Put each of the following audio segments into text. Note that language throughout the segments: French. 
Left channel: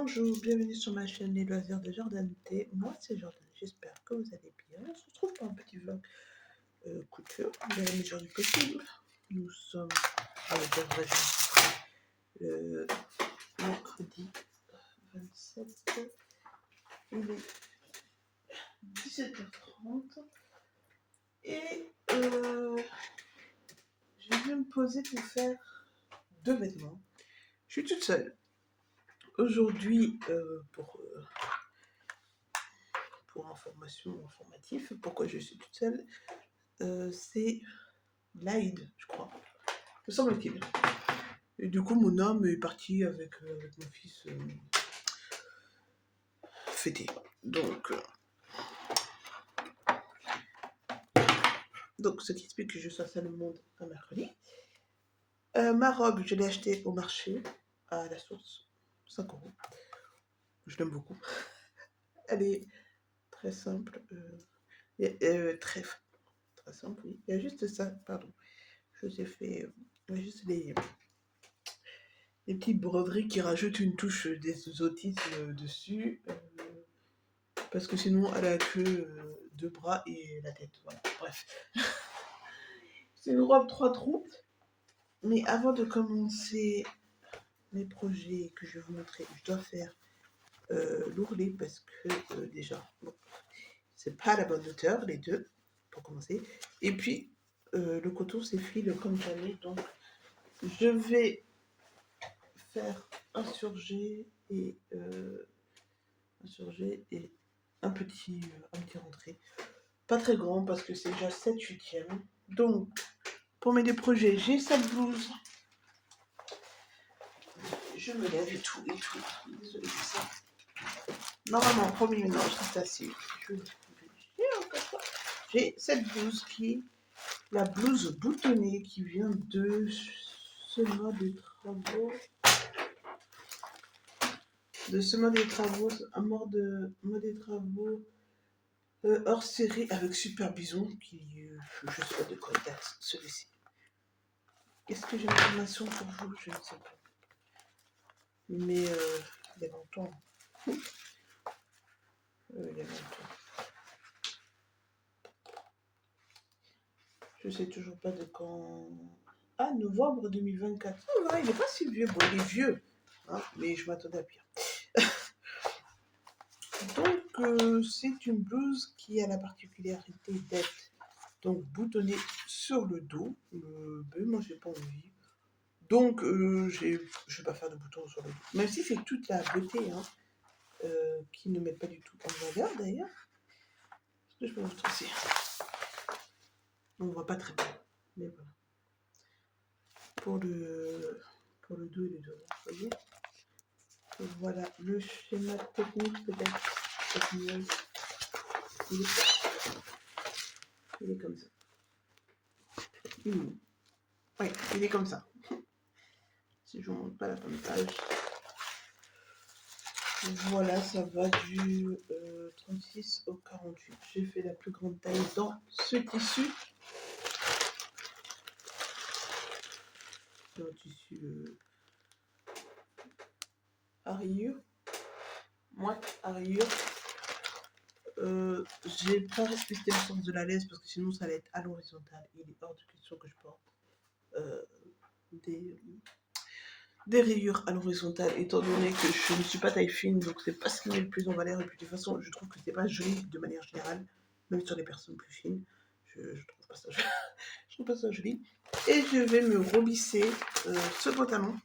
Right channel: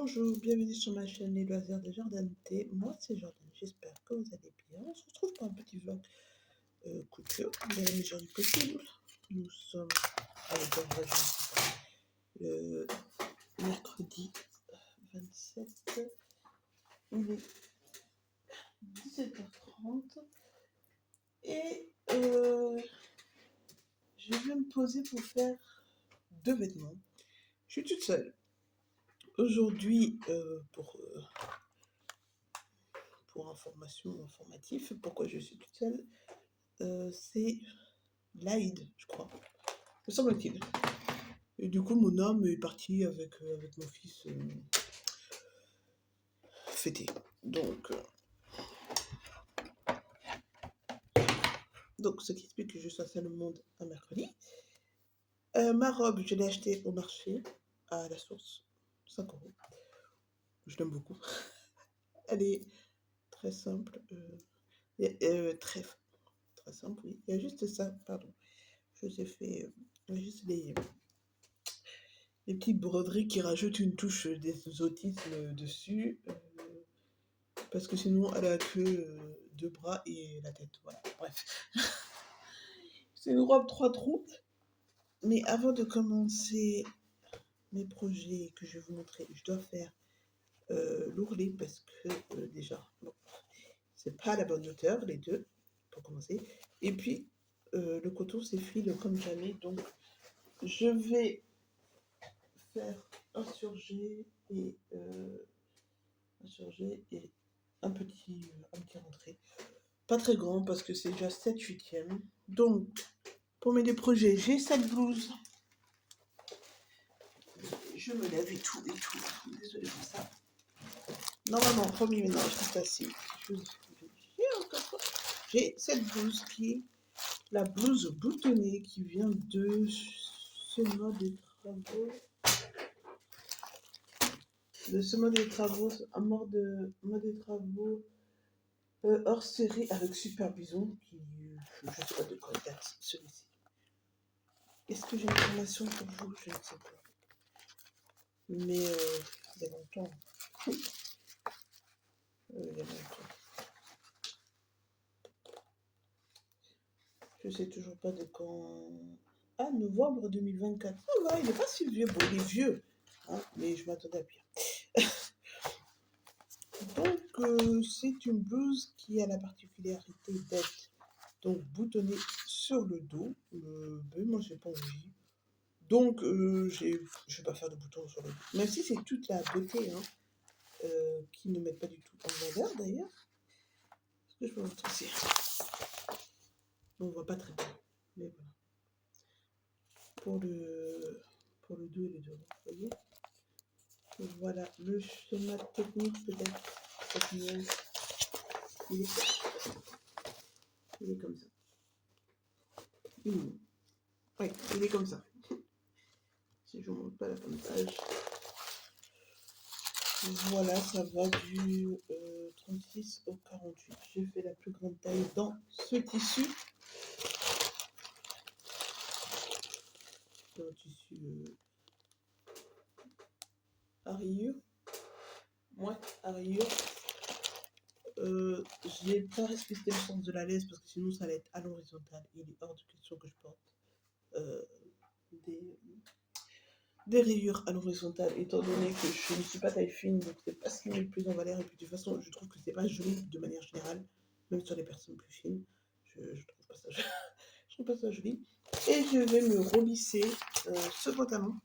Bonjour, bienvenue sur ma chaîne Les Loisirs de Jordanité. Moi, c'est Jordan. J'espère que vous allez bien. On se retrouve pour un petit vlog couture, de la mesure du possible. Nous sommes le mercredi 27, il est 17h30 et je vais me poser pour faire deux vêtements. Je suis toute seule. Aujourd'hui, pour informatif, pourquoi je suis toute seule, c'est l'Aïd, je crois, me semble-t-il. Et du coup, mon homme est parti avec mon fils fêter. Donc, ce qui explique que je sois seule au monde un mercredi. Ma robe, je l'ai achetée au marché, à la source, 5 €. Je l'aime beaucoup. Elle est très simple, très simple, oui. Il y a juste ça, pardon. Je vous ai fait juste les petites broderies qui rajoutent une touche d'exotisme dessus. Parce que sinon, elle a que deux bras et la tête. Voilà, bref. C'est une robe 3 trous. Mais avant de commencer mes projets que je vais vous montrer, je dois faire l'ourlet parce que déjà, bon, c'est pas à la bonne hauteur, les deux, pour commencer. Et puis, le coton s'effile comme jamais. Donc, je vais faire un surjet et un petit rentré. Pas très grand parce que c'est déjà 7/8e. Donc, pour mes deux projets, j'ai cette blouse. Je me lève et tout. Désolée de ça. Normalement, promis, mais non, je reste assis. J'ai cette blouse qui, la blouse boutonnée qui vient de ce mode des travaux. Un mode des travaux hors série avec Super Bison qui, je sais pas de quoi date celui-ci. Est-ce que j'ai une information pour vous? Je ne sais pas. Mais il y a longtemps. Je sais toujours pas de quand. Ah, novembre 2024. Ça va, il n'est pas si vieux. Bon, il est vieux, hein, mais je m'attendais à pire. Donc, c'est une blouse qui a la particularité d'être donc boutonnée sur le dos. Ben, moi, j'ai pas envie. Donc, je vais pas faire de boutons sur le dos. Même si c'est toute la beauté, hein, qui ne met pas du tout en valeur d'ailleurs. Est-ce que je peux vous tracer? On voit pas très bien, mais voilà. Pour le dos et les dos, vous voyez. Voilà, le schéma technique peut-être. Il est comme ça. Oui, il est comme ça. Si je ne montre pas la bonne page. Voilà, ça va du 36 au 48. J'ai fait la plus grande taille dans ce tissu. C'est un tissu à rayures. Moi, à rayures. J'ai pas respecté le sens de la laisse parce que sinon ça allait être à l'horizontale. Il est hors de question que je porte des rayures à l'horizontale, étant donné que je ne suis pas taille fine, donc c'est pas ce qui met le plus en valeur. Et puis de toute façon, je trouve que c'est pas joli de manière générale, même sur les personnes plus fines. Je trouve pas ça joli. Je trouve pas ça joli. Et je vais me relisser ce pantalon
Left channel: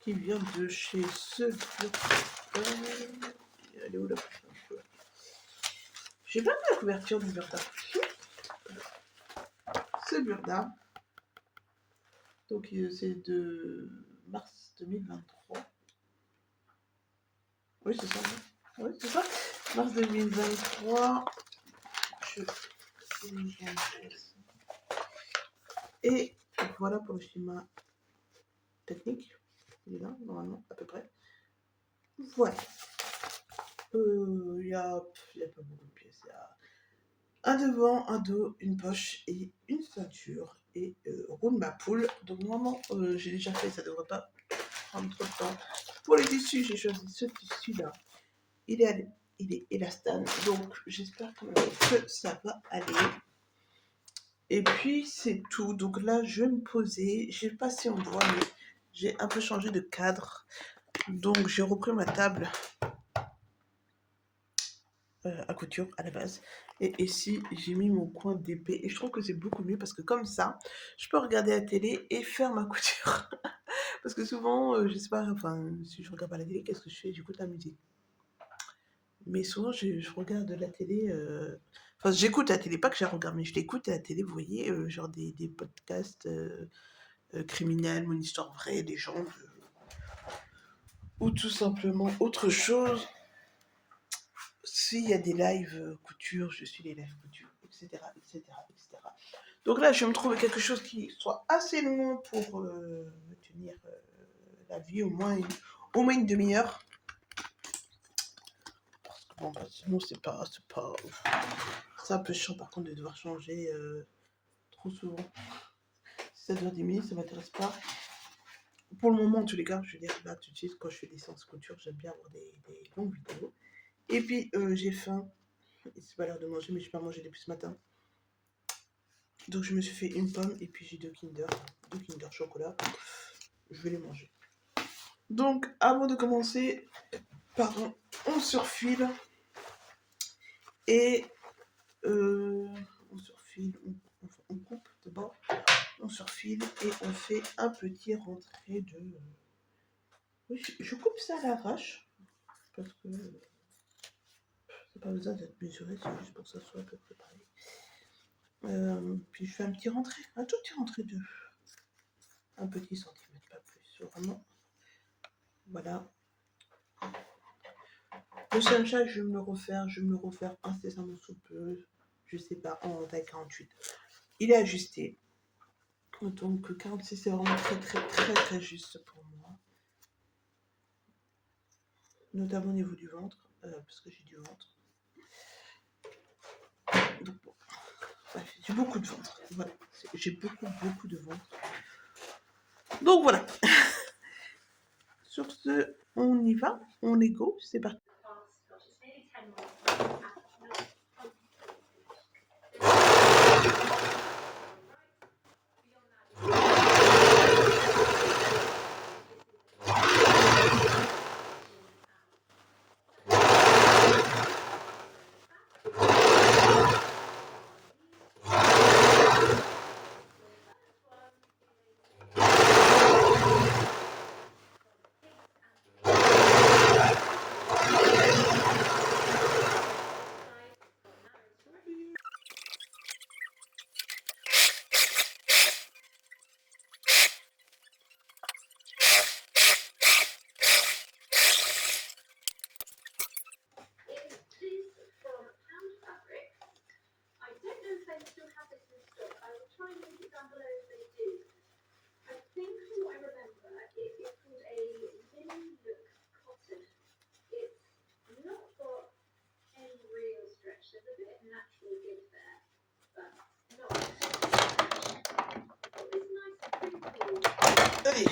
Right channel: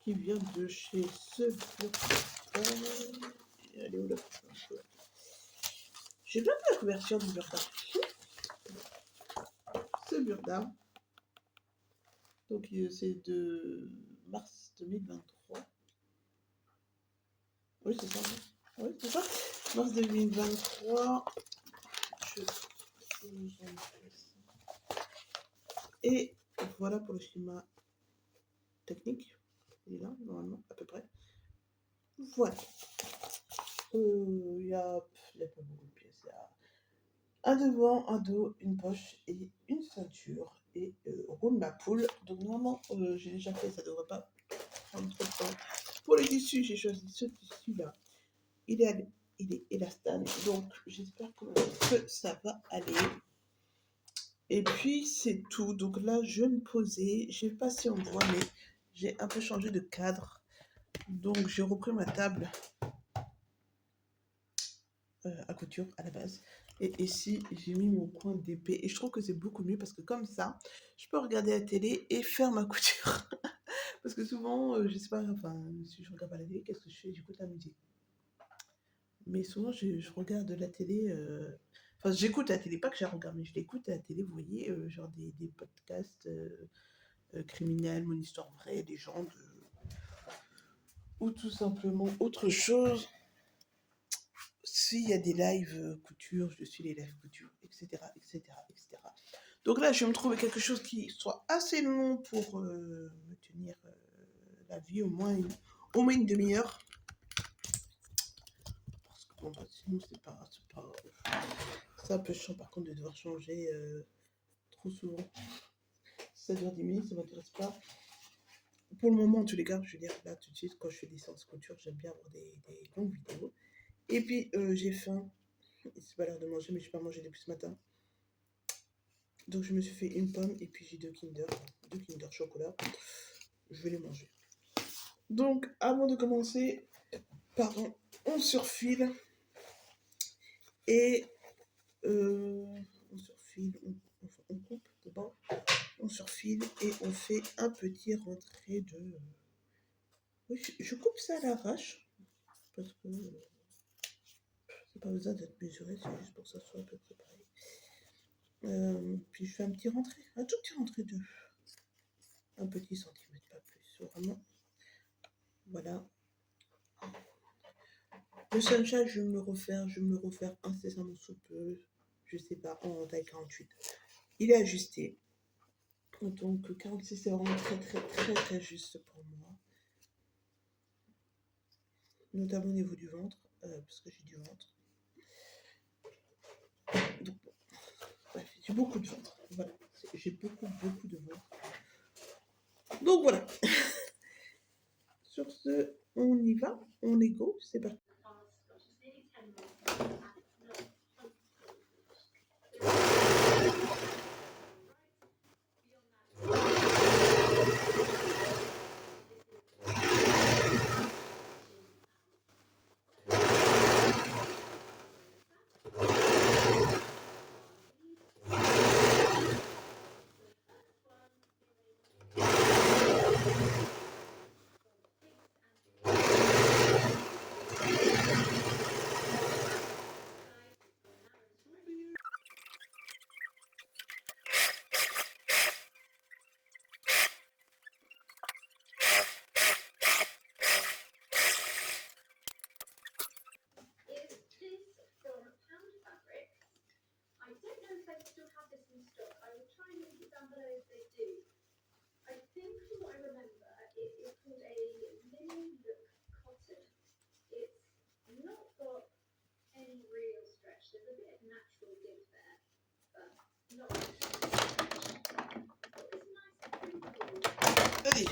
qui vient de chez ce Burda. Elle est où là? J'ai pas vu la couverture du Burda. Ce Burda. Donc c'est de mars 2023. Oui, c'est ça. Oui, c'est ça. Mars 2023. Et voilà pour le schéma technique. Il est là, normalement, à peu près. Voilà. Il y a pas beaucoup de pièces. Il y a un devant, un dos, une poche et une ceinture. Et roule ma poule. Donc normalement, j'ai déjà fait, ça devrait pas prendre trop de temps pour les tissus, j'ai choisi ce tissu-là. Il est élastane, donc j'espère que ça va aller. Et puis c'est tout. Donc là, je me posais. J'ai passé en bois, mais j'ai un peu changé de cadre. Donc j'ai repris ma table à couture à la base. Et ici, j'ai mis mon coin d'épée. Et je trouve que c'est beaucoup mieux parce que comme ça, je peux regarder la télé et faire ma couture. Parce que souvent, je sais pas, enfin, si je regarde pas la télé, qu'est-ce que je fais? J'écoute la musique. Mais souvent, je regarde la télé. Enfin, j'écoute la télé, pas que je la regarde, mais je l'écoute à la télé, vous voyez, genre des podcasts criminels, mon histoire vraie, des gens, ou tout simplement autre chose. S'il y a des lives couture, je suis les lives couture, etc., etc., etc. Donc là, je vais me trouver quelque chose qui soit assez long pour tenir la vie, au moins une demi-heure. Parce que bon, bah, sinon, c'est pas. C'est un peu chiant par contre de devoir changer trop souvent. 7h10, ça m'intéresse pas. Pour le moment, en tous les cas, je veux dire, là, tout de suite, quand je fais des séances couture, j'aime bien avoir des longues vidéos. Et puis, j'ai faim. C'est pas l'heure de manger, mais je n'ai pas mangé depuis ce matin. Donc, je me suis fait une pomme et puis j'ai deux Kinder chocolat. Je vais les manger. Donc, avant de commencer, pardon, on surfile. Et on surfile, on coupe d'abord. On surfile et on fait un petit rentré de... Oui, je coupe ça à l'arrache. Parce que c'est pas besoin d'être mesuré, c'est juste pour que ça soit à peu près pareil. Puis je fais un petit rentré, un tout petit rentré de un petit centimètre, pas plus. Vraiment. Voilà. Le sunshine, je vais me le refaire incessamment sous peu. Je sais pas, en taille 48. Il est ajusté. Donc 46, c'est vraiment très très très très juste pour moi. Notamment au niveau du ventre, parce que j'ai du ventre. Donc, bon. Bref, j'ai beaucoup de ventre. Voilà. J'ai beaucoup de ventre. Donc voilà. Sur ce, on y va. On est go. C'est parti. Allez.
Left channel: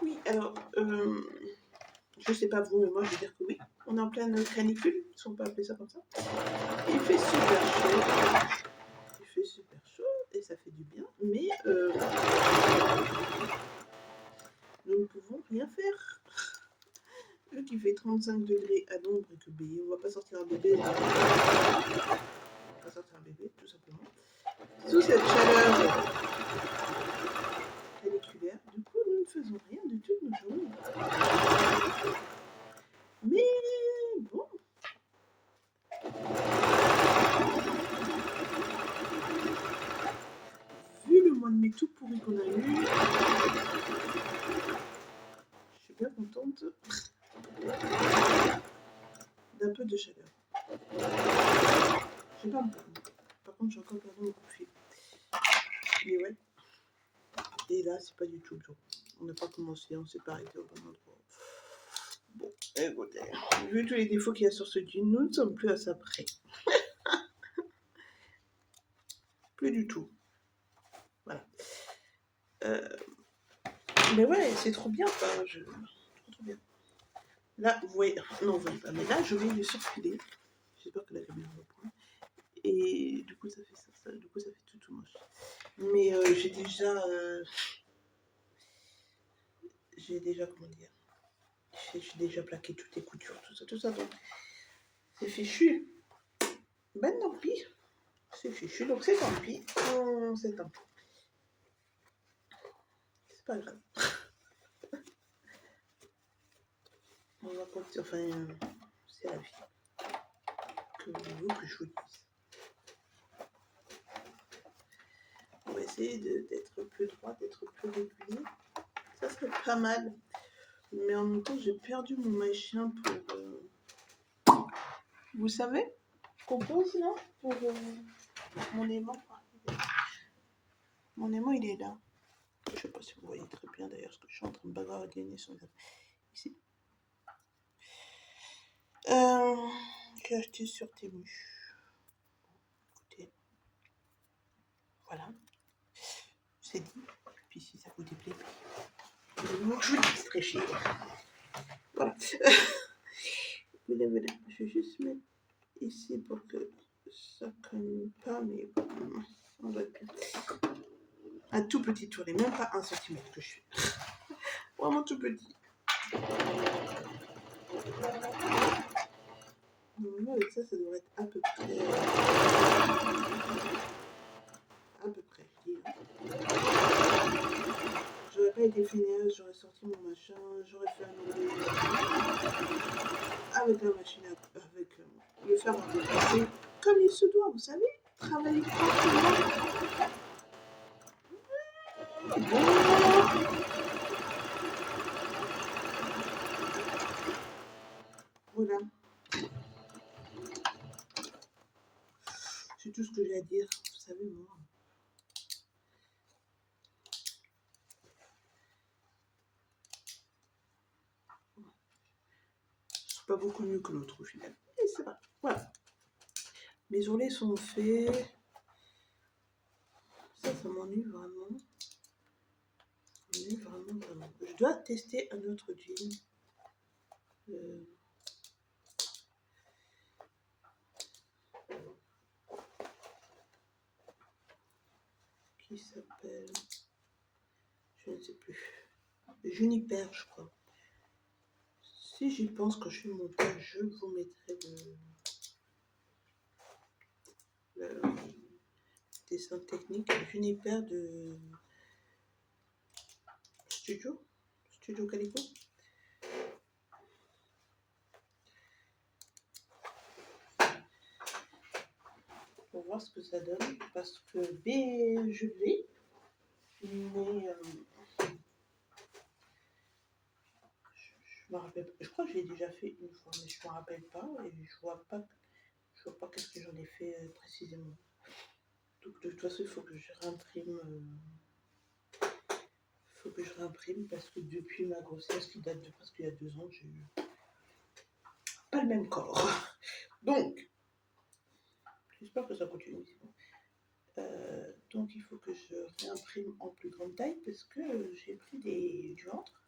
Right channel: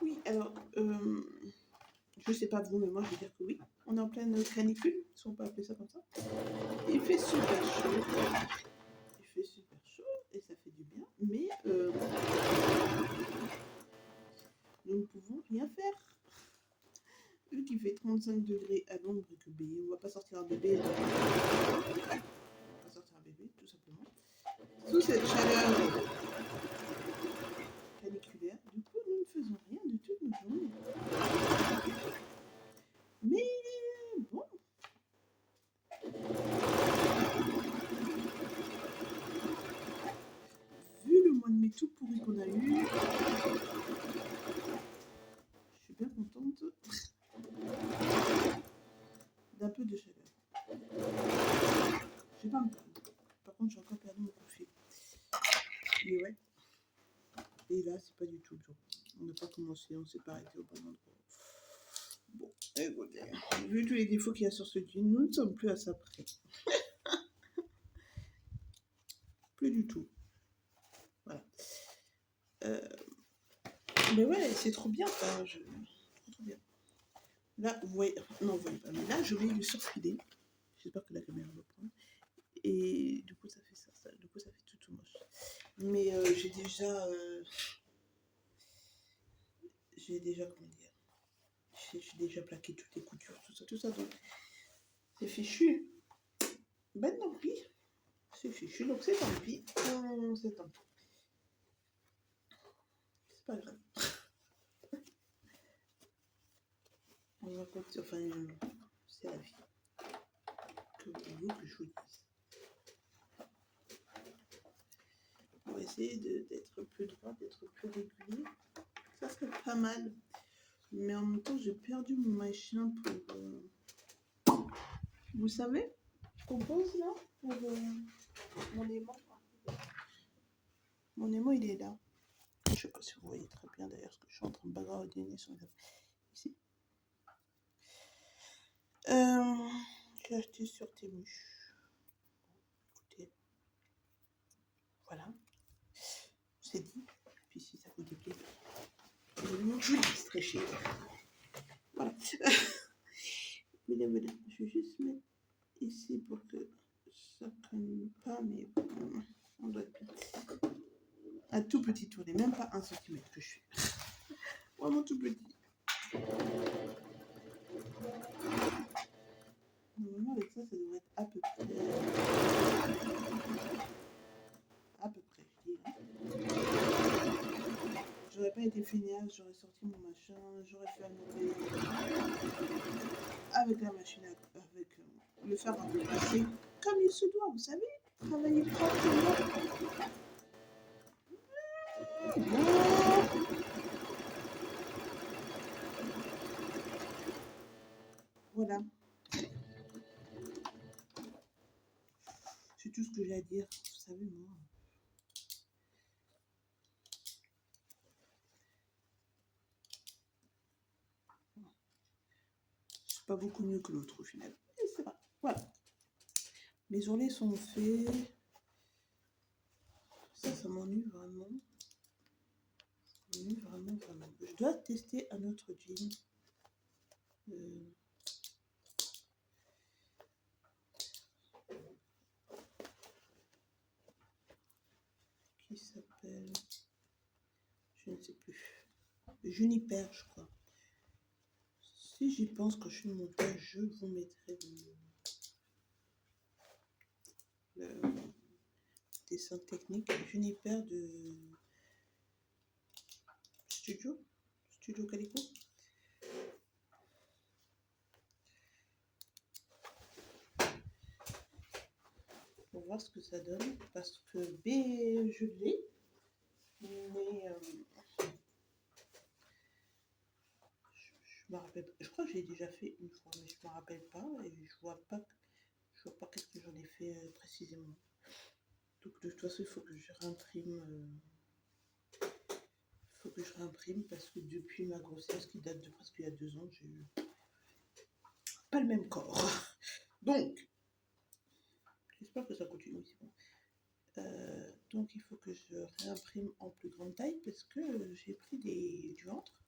Oui, alors, je sais pas vous, mais moi je veux dire que oui. On est en pleine canicule, si on peut appeler ça comme ça. Il fait super chaud. Il fait super chaud et ça fait du bien, mais nous ne pouvons rien faire. Vu qu'il fait 35 degrés à l'ombre et que B, on va pas sortir un bébé. On va pas sortir un bébé, tout simplement. Sous cette chaleur caniculaire, du coup, nous ne faisons rien du tout de nos journées. Mais bon. Vu le mois de mai tout pourri qu'on a eu, je suis bien contente d'un peu de chaleur. Je sais pas me plaindre. Par contre, j'ai encore perdu mon coup de fil. Mais ouais. Et là, c'est pas du tout le jour. On n'a pas commencé, on s'est pas arrêté au bon endroit. Écoutez, vu tous les défauts qu'il y a sur ce jean, nous ne sommes plus à ça près. Plus du tout. Voilà. Mais ouais, c'est trop bien, enfin, trop bien. Là, vous voyez, non, vous voyez pas, mais là, je vais le surfiler. J'espère que la caméra va prendre. Et du coup, ça fait ça, du coup, ça fait tout moche. Mais j'ai déjà, comment dire, j'ai déjà plaqué toutes les coutures, tout ça, donc c'est fichu. Ben tant pis, c'est fichu, donc c'est tant pis, c'est tant pis. C'est pas grave. On va continuer, enfin, c'est la vie. Que voulez-vous que je vous dise? On va essayer d'être plus droit, d'être plus régulier. Ça serait pas mal. Mais en même temps, j'ai perdu mon machin pour... Vous savez? Compose, non? Pour mon aimant. Mon aimant, il est là. Je sais pas si vous voyez très bien d'ailleurs ce que je suis en train de bagarrer sur le... Ici. J'ai acheté sur Temu. Écoutez. Voilà. C'est dit. Puis si ça vous déplaît, je vous dis très cher. Voilà. Voilà. Je vais juste mettre ici pour que ça ne cogne pas, mais on doit être bien. Un tout petit tourné, même pas 1 centimètre que je suis. Vraiment tout petit. Normalement, avec ça, ça devrait être à peu près. À peu près, je dis. J'aurais pas été fainéante, j'aurais sorti mon machin, j'aurais fait un ourlet avec la machine, avec le fer à repasser, comme il se doit, vous savez, travailler proprement. Voilà. C'est tout ce que j'ai à dire, vous savez, moi. C'est pas beaucoup mieux que l'autre au final. Et c'est vrai. Voilà. Mes ourlets sont faits. Ça m'ennuie vraiment. Ça m'ennuie vraiment. Je dois tester un autre jean. Qui s'appelle... Je ne sais plus. Juniper, je crois. Si j'y pense quand je fais mon montage, je vous mettrai le dessin technique. Juniper de Studio Calico. Pour voir ce que ça donne. Parce que je l'ai. Mais je me rappelle. Je crois que je l'ai déjà fait une fois, mais je me rappelle pas et je vois pas qu'est-ce que j'en ai fait précisément. Donc de toute façon, il faut que je réimprime. Parce que depuis ma grossesse qui date de presque il y a 2 ans, j'ai eu pas le même corps. Donc, j'espère que ça continue. Donc il faut que je réimprime en plus grande taille parce que j'ai pris du ventre.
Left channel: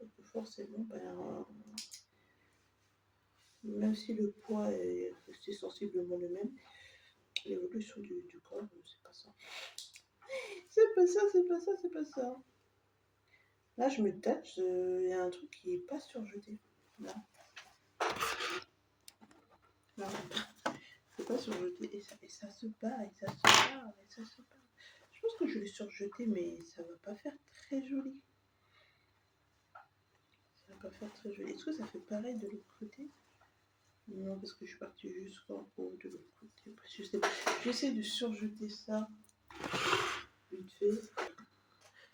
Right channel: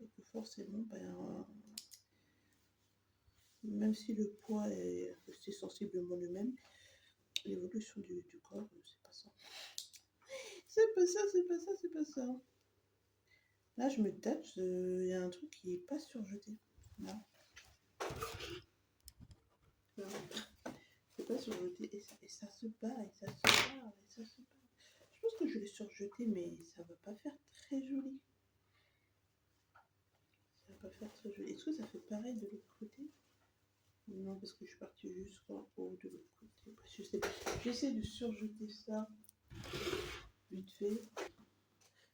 Et que forcément, même si le poids est resté sensiblement le même, l'évolution du corps, c'est pas ça. C'est pas ça. Là, je me tâche, il y a un truc qui n'est pas surjeté. Là. Non, c'est pas surjeté. Et ça se bat, et ça se bat, et ça se bat. Je pense que je l'ai surjeté, mais ça va pas faire très joli. Ça va pas faire très joli. Est-ce que ça fait pareil de l'autre côté? Non, parce que je suis partie jusqu'en haut de l'autre côté. Je sais pas. J'essaie de surjeter ça vite fait.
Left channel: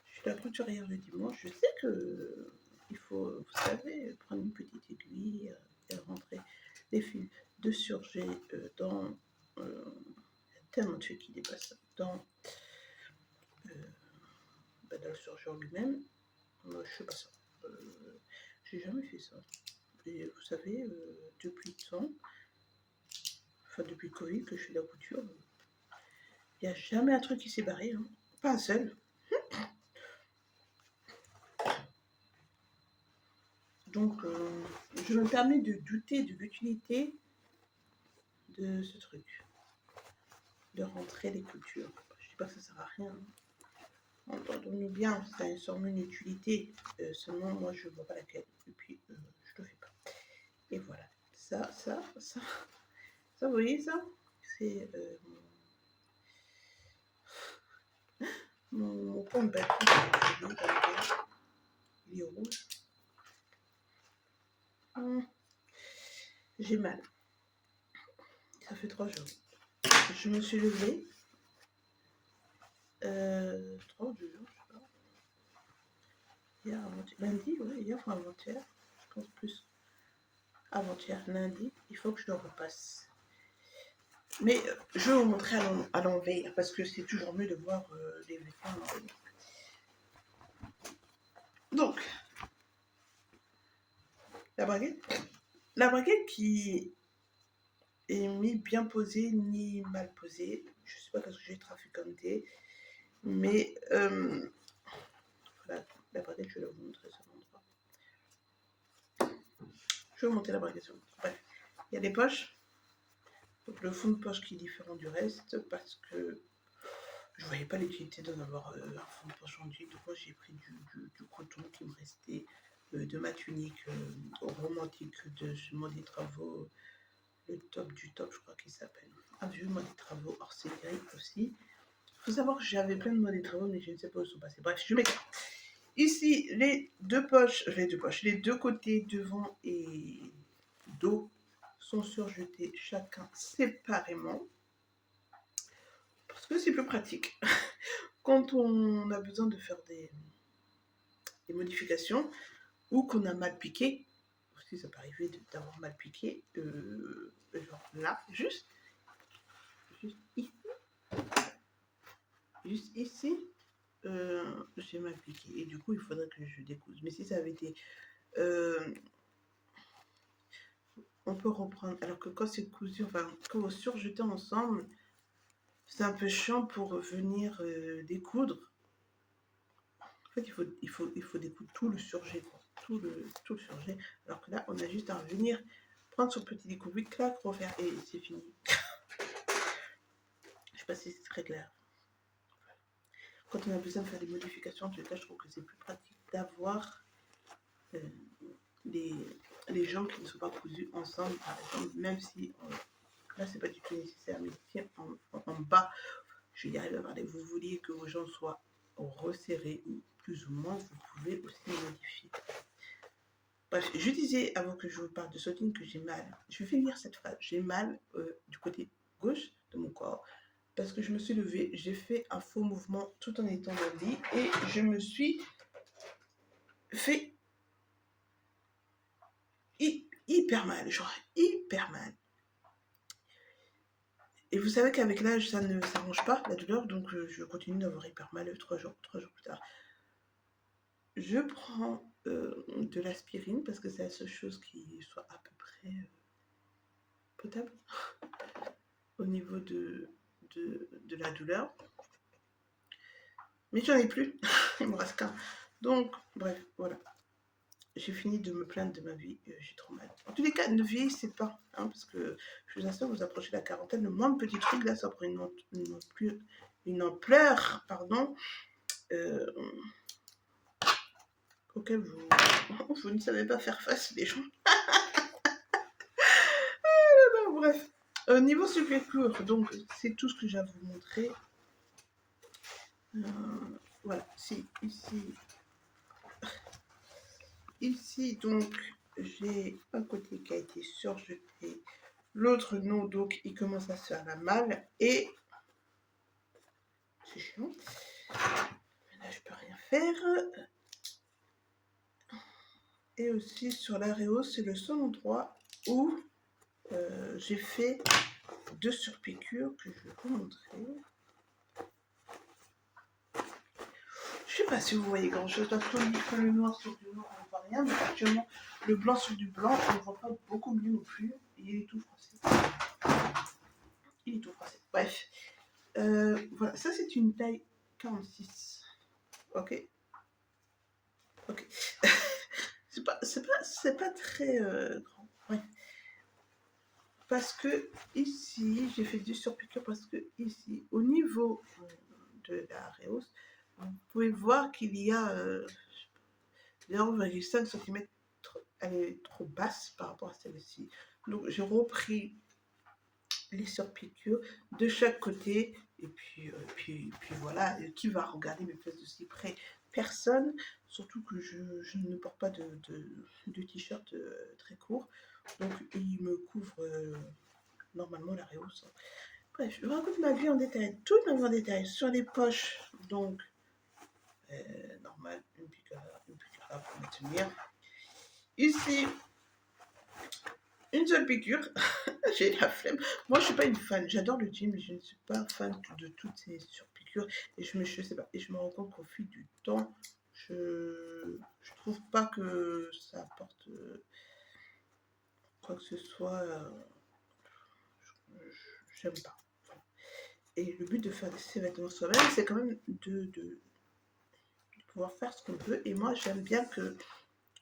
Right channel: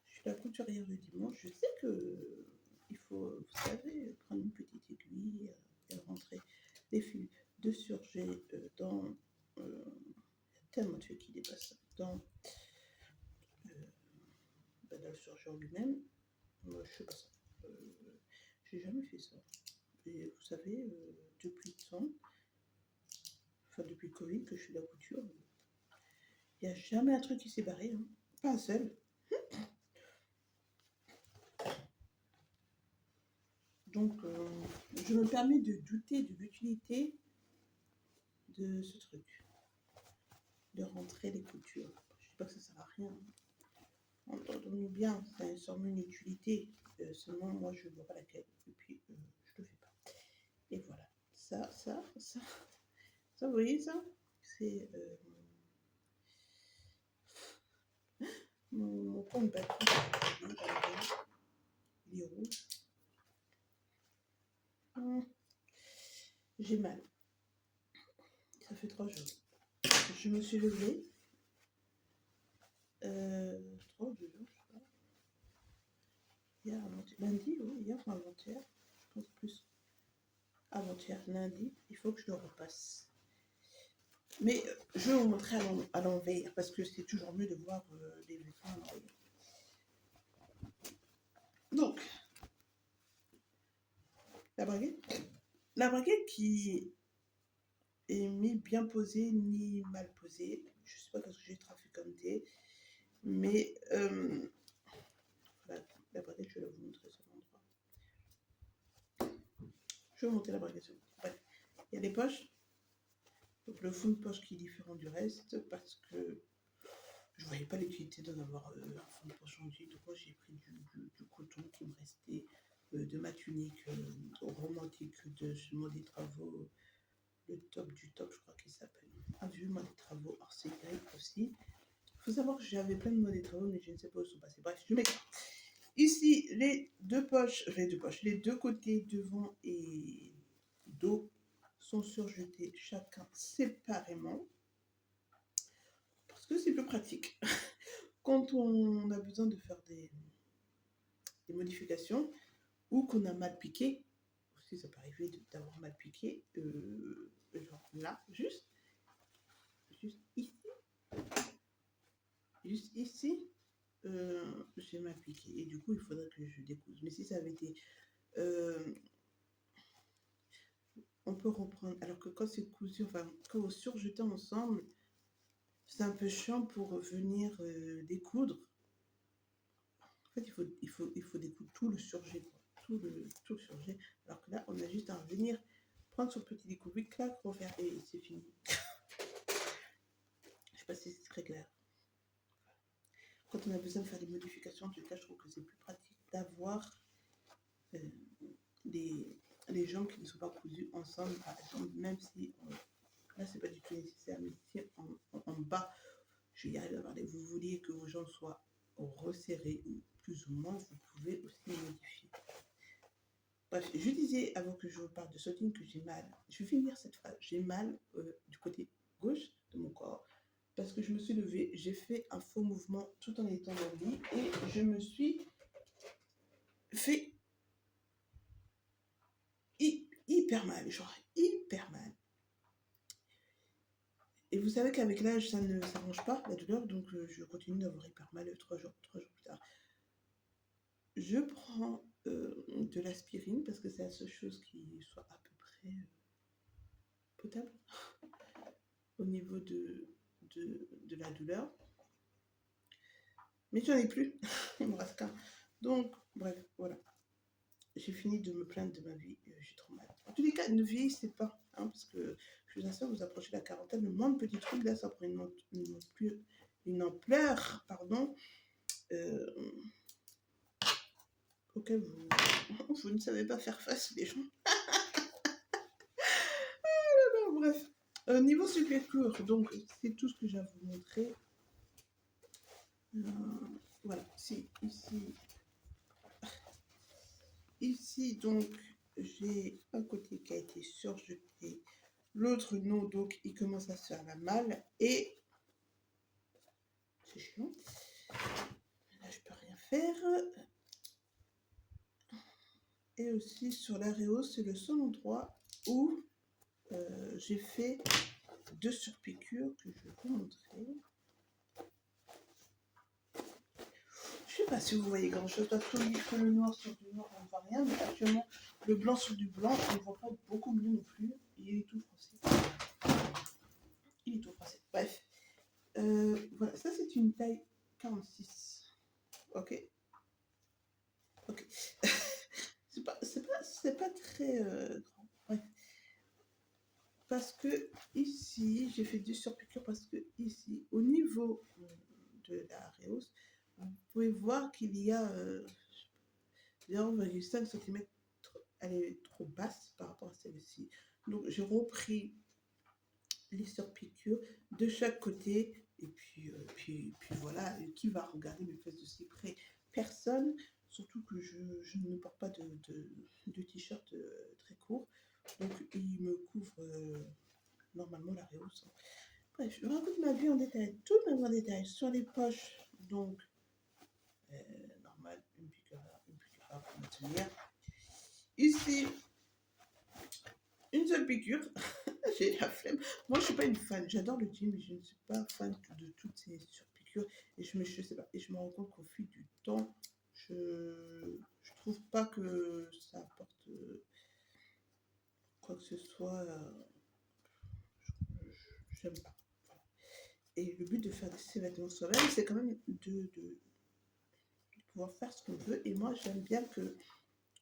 Je suis la couturière le dimanche. Je sais que il faut, vous savez, prendre une petite aiguille et rentrer les fils de surjet dans tellement de fils qui dépassent dans le surjet en lui-même. Moi, je sais pas ça. J'ai jamais fait ça. Et vous savez, depuis le temps, enfin depuis le Covid que je fais de la couture, il n'y a jamais un truc qui s'est barré, hein. Pas un seul. Donc, je me permets de douter de l'utilité de ce truc, de rentrer les coutures. Je dis pas que ça sert à rien, hein. Entendons-nous bien, ça a sûrement une utilité. Seulement, moi, je vois pas laquelle. Et puis, je le fais pas. Et voilà. Ça, vous voyez ça? C'est mon point de batterie. Il est rouge. J'ai mal. Ça fait 3 jours. Je me suis levée. 3 ou 2 jours, je sais pas. Hier, lundi, ouais, hier ou avant-hier. Je pense plus avant-hier, lundi. Il faut que je le repasse. Mais je vais vous montrer à l'envers parce que c'est toujours mieux de voir les vêtements à l'envers. Donc, la braguette qui est ni bien posée ni mal posée. Je sais pas parce que j'ai trafic comme thé, mais voilà, la braguette, je vais vous montrer sur l'endroit. Je vais vous montrer la braguette sur l'endroit. Bref, il y a des poches. Donc le fond de poche qui est différent du reste parce que je voyais pas l'utilité d'en avoir un fond de poche en jean. Donc moi j'ai pris du coton qui me restait, de ma tunique romantique de mon des travaux, le top du top, je crois qu'il s'appelle. Un vieux mode des travaux hors série aussi. Il faut savoir que j'avais plein de modes des travaux, mais je ne sais pas où ils sont passés. Bref, je m'écarte. Ici, les deux côtés devant et dos sont surjetés chacun séparément parce que c'est plus pratique quand on a besoin de faire des modifications ou qu'on a mal piqué. Aussi, ça peut arriver d'avoir mal piqué, genre là, juste ici, j'ai mal piqué et du coup il faudrait que je découse. Mais si ça avait été on peut reprendre, alors que quand c'est cousu, enfin quand vous surjetez ensemble, c'est un peu chiant pour venir découdre. En fait, il faut découdre tout le surjet, quoi. Tout le surjet. Alors que là, on a juste à venir prendre son petit découpé, clac, refaire et c'est fini. Je sais pas si c'est très clair. Quand on a besoin de faire des modifications, en tout cas, je trouve que c'est plus pratique d'avoir les jambes qui ne sont pas cousues ensemble, par exemple, même si là, c'est pas du tout nécessaire, mais si en bas, je vais y arriver à parler, vous vouliez que vos jambes soient resserrées ou plus ou moins, vous pouvez aussi les modifier. Bref, je disais avant que je vous parle de sautine que j'ai mal. Je vais lire cette phrase. J'ai mal du côté gauche de mon corps parce que je me suis levée, j'ai fait un faux mouvement tout en étant dans le lit et je me suis fait hyper mal, genre hyper mal. Et vous savez qu'avec l'âge, ça ne s'arrange pas, la douleur, donc je continue d'avoir hyper mal 3 jours plus tard. Je prends de l'aspirine parce que c'est la seule chose qui soit à peu près potable au niveau de la douleur. Mais j'en ai plus, il me reste qu'un. Donc, bref, voilà. J'ai fini de me plaindre de ma vie, j'ai trop mal. En tous les cas, ne vieillissez pas, hein, parce que je vous assure, vous approchez de la quarantaine, le moindre petit truc, là, ça prend une ampleur, pardon, auquel vous ne savez pas faire face, les gens. Bref, niveau super-court, donc c'est tout ce que j'ai à vous montrer. Voilà, ici donc j'ai un côté qui a été surjeté, l'autre non, donc il commence à se faire la malle et c'est chiant. Là je peux rien faire. Et aussi sur l'aréo, c'est le seul endroit où j'ai fait 2 surpiqûres que je vais vous montrer. Je sais pas si vous voyez grand chose parce que le noir sur du noir on ne voit rien, mais actuellement le blanc sur du blanc, on ne voit pas beaucoup mieux non plus. Et il est tout froissé. Il est tout froissé. Bref. Voilà, ça c'est une taille 46. Ok. Ok. c'est pas très grand. Ouais. Parce que ici, j'ai fait du surpiqûre parce que ici, au niveau de la réhausse, vous pouvez voir qu'il y a 0,5 cm, elle est trop basse par rapport à celle-ci. Donc j'ai repris les surpiqûres de chaque côté et puis voilà. Et qui va regarder mes fesses de si près? Personne, surtout que je ne porte pas de t-shirt très court, donc il me couvre normalement la réhausse. Bref, je vous raconte ma vie en détail, toute ma vie en détail. Sur les poches, donc normal, une piqûre là pour me tenir. Ici, une seule piqûre. J'ai la flemme. Moi, je suis pas une fan. J'adore le gym, mais je ne suis pas fan de toutes ces surpiqûres. Et je sais pas. Et je me rends compte qu'au fil du temps, je trouve pas que ça apporte quoi que ce soit. J'aime pas. Et le but de faire ces vêtements soi-même, c'est quand même de pouvoir faire ce qu'on veut. Et moi, j'aime bien que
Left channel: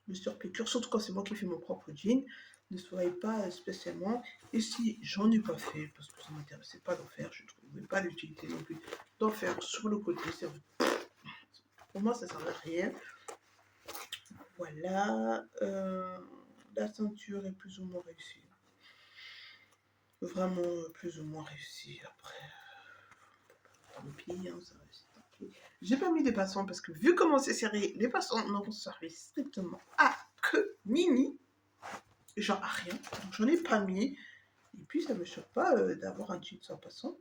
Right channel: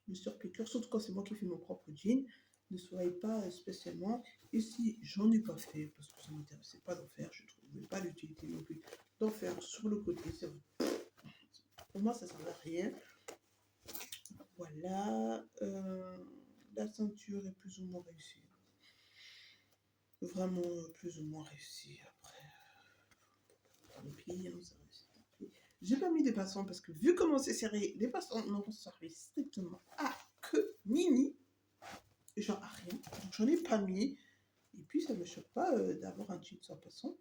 le surpiqûre, surtout quand c'est moi qui fais mon propre jean, ne soit pas spécialement. Et si j'en ai pas fait, parce que ça ne m'intéressait pas d'en faire, je ne trouvais pas l'utilité non plus d'en faire sur le côté. Pour moi, ça ne sert à rien. Voilà. La ceinture est plus ou moins réussie. Vraiment plus ou moins réussie. Après, tant pis, hein, ça réussit, tant pis. J'ai pas mis des passants parce que vu comment c'est serré, les passants n'ont servi strictement à que nini. Genre à rien. Donc j'en ai pas mis. Et puis ça me choque pas d'avoir un jean sans passant.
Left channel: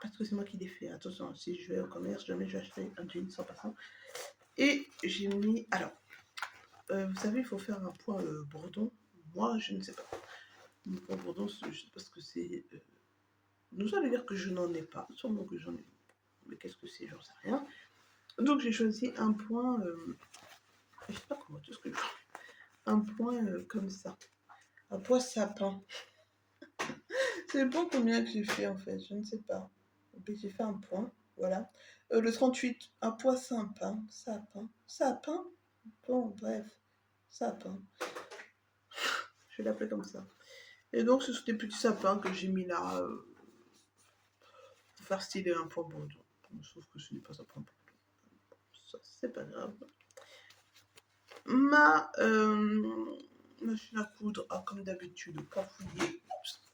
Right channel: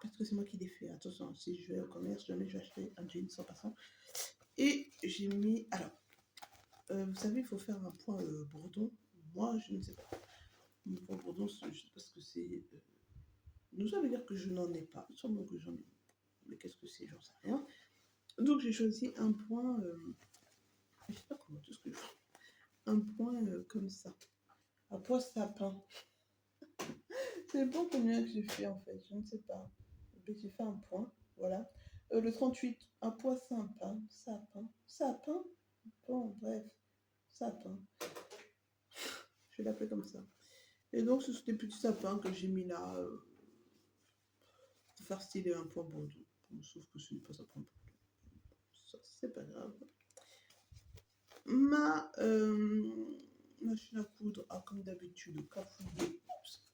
Parce que c'est moi qui l'ai fait. Attention, si je vais au commerce, jamais je vais acheter un jean sans passant. Et j'ai mis. Alors, vous savez, il faut faire un point bourdon. Moi, je ne sais pas. Un point bourdon, je sais pas ce que c'est. Nous allons dire que je n'en ai pas. Sûrement que j'en ai. Mais qu'est-ce que c'est? J'en sais rien. Donc j'ai choisi un point. Je sais pas comment tout ce que je fais. Un point comme ça. Un point sapin. C'est pas combien que j'ai fait en fait, je ne sais pas. Et puis j'ai fait un point, voilà. Le 38, un point sapin, sapin. Bon, bref, sapin. Je vais l'appeler comme ça. Et donc ce sont des petits sapins que j'ai mis là pour faire style un point bourdon. Sauf que ce n'est pas un point bourdon. Ça, c'est pas grave. Ma machine à coudre a comme d'habitude cafouillé.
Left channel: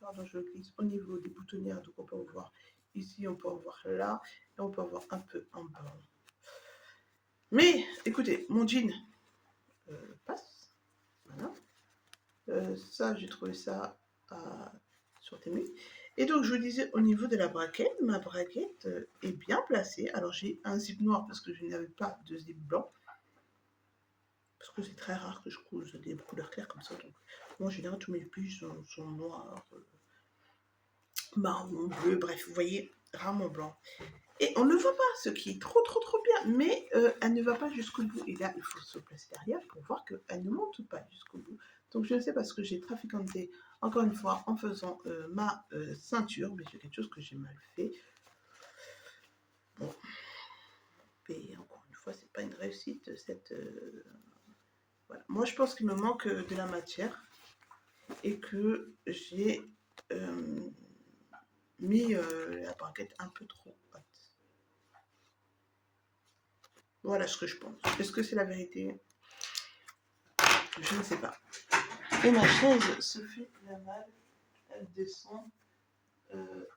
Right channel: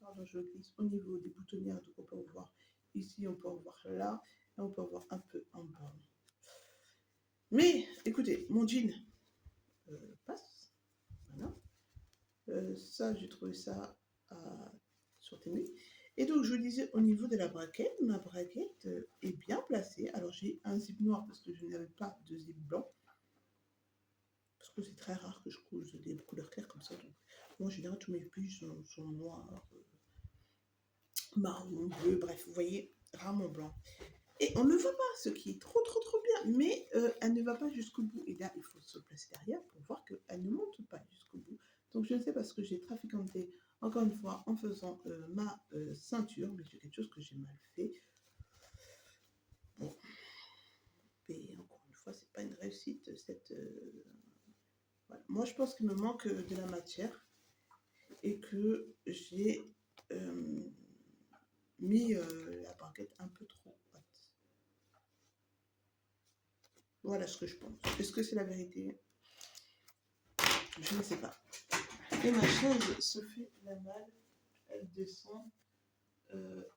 Pardon, je glisse au niveau des boutonnières, donc on peut en voir ici, on peut en voir là, et on peut en voir un peu en bas. Mais écoutez, mon jean passe. Voilà. Ça, j'ai trouvé ça sur Temu. Et donc, je vous disais, au niveau de la braquette, ma braquette est bien placée. Alors, j'ai un zip noir parce que je n'avais pas de zip blanc. Parce que c'est très rare que je couse des couleurs claires comme ça. Donc, moi, en général, tous mes pulls sont noirs, marron, bleu, bref, vous voyez, rarement blanc. Et on ne voit pas, ce qui est trop bien, mais elle ne va pas jusqu'au bout. Et là, il faut se placer derrière pour voir qu'elle ne monte pas jusqu'au bout. Donc je ne sais pas ce que j'ai trafiquanté, encore une fois, en faisant ma ceinture, mais c'est quelque chose que j'ai mal fait. Bon. Et encore une fois, c'est pas une réussite, cette... Voilà. Moi, je pense qu'il me manque de la matière et que j'ai mis la braquette un peu trop haute. Voilà ce que je pense. Est-ce que c'est la vérité? Je ne sais pas. Et ma chaise se fait la malle. Elle descend.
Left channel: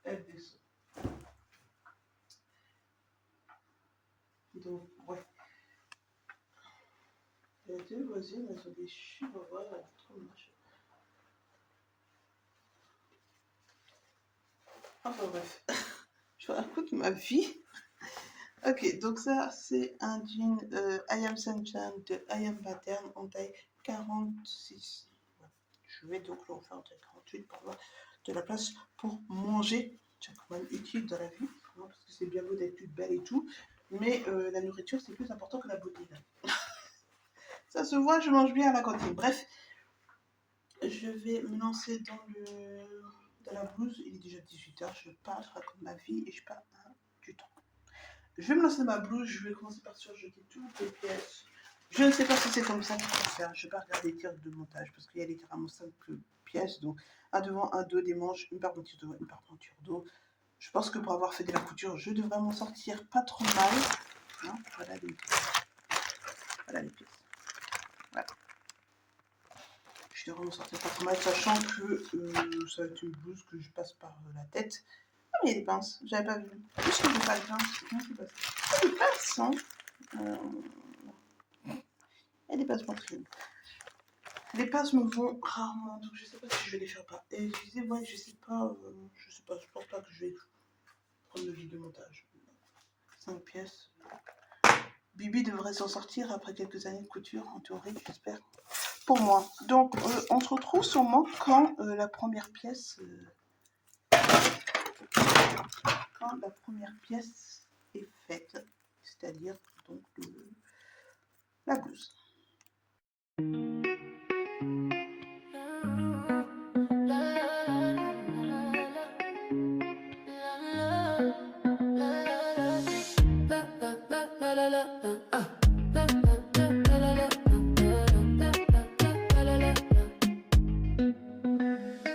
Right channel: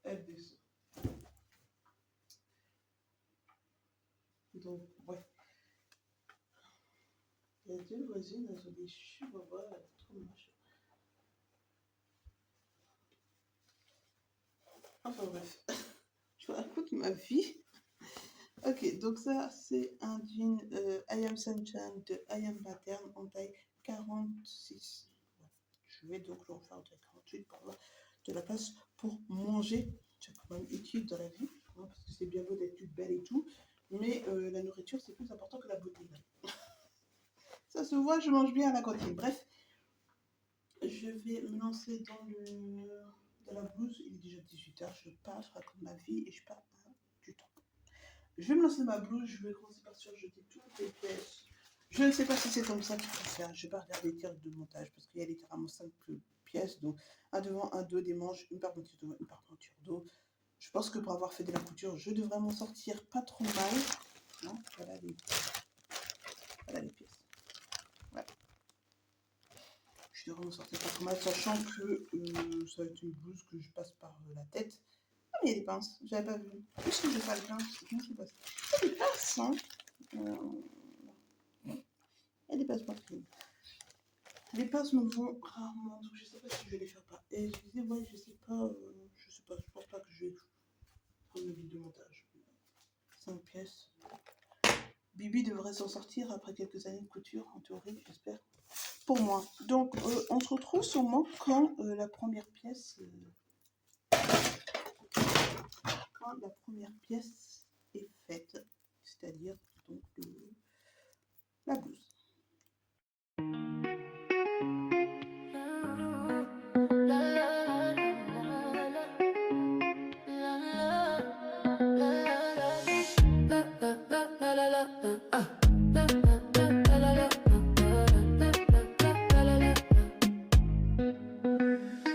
Elle descend. Donc, ouais. Les deux voisines, elles ont des chihuahuas. Elles sont trop moches. Enfin bref. Je vous raconte ma vie. Ok, donc ça, c'est un jean I Am Sunshine de I Am Pattern en taille 46. Je vais donc le refaire en taille 48 pour avoir de la place pour manger. C'est quand même utile dans la vie, hein, parce que c'est bien beau d'être plus belle et tout, mais la nourriture, c'est plus important que la beauté. Là. Ça se voit, je mange bien à la cantine. Bref, je vais me lancer dans la blouse. Il est déjà 18h, je pars, je raconte ma vie et je pars du temps. Je vais me lancer dans ma blouse, je vais commencer par surjeter toutes les pièces. Je ne sais pas si c'est comme ça qu'il faut faire. Je vais pas regarder les tirs de montage parce qu'il y a littéralement 5 pièces. Donc un devant, un dos, des manches, une parmenture dos, une parmenture dos. Je pense que pour avoir fait de la couture, je devrais m'en sortir pas trop mal. Non, voilà les pièces. Voilà. Je devrais m'en sortir pas trop mal, sachant que ça va être une blouse que je passe par la tête. Ah, mais il y a des pinces, j'avais pas vu. Qu'est-ce que j'ai pas de pinces? Comment c'est passé? Ah, des pinces, hein. Il y a des pinces poitrines. Les pinces me vont rarement, donc je sais pas si je vais les faire ou pas. Et je disais, ouais, je sais pas, je pense pas que je vais prendre le vide de montage. 5 pièces. Bibi devrait s'en sortir après quelques années de couture, en théorie, j'espère. Pour moi. Donc, on se retrouve sûrement quand la première pièce est faite, c'est-à-dire donc la blouse.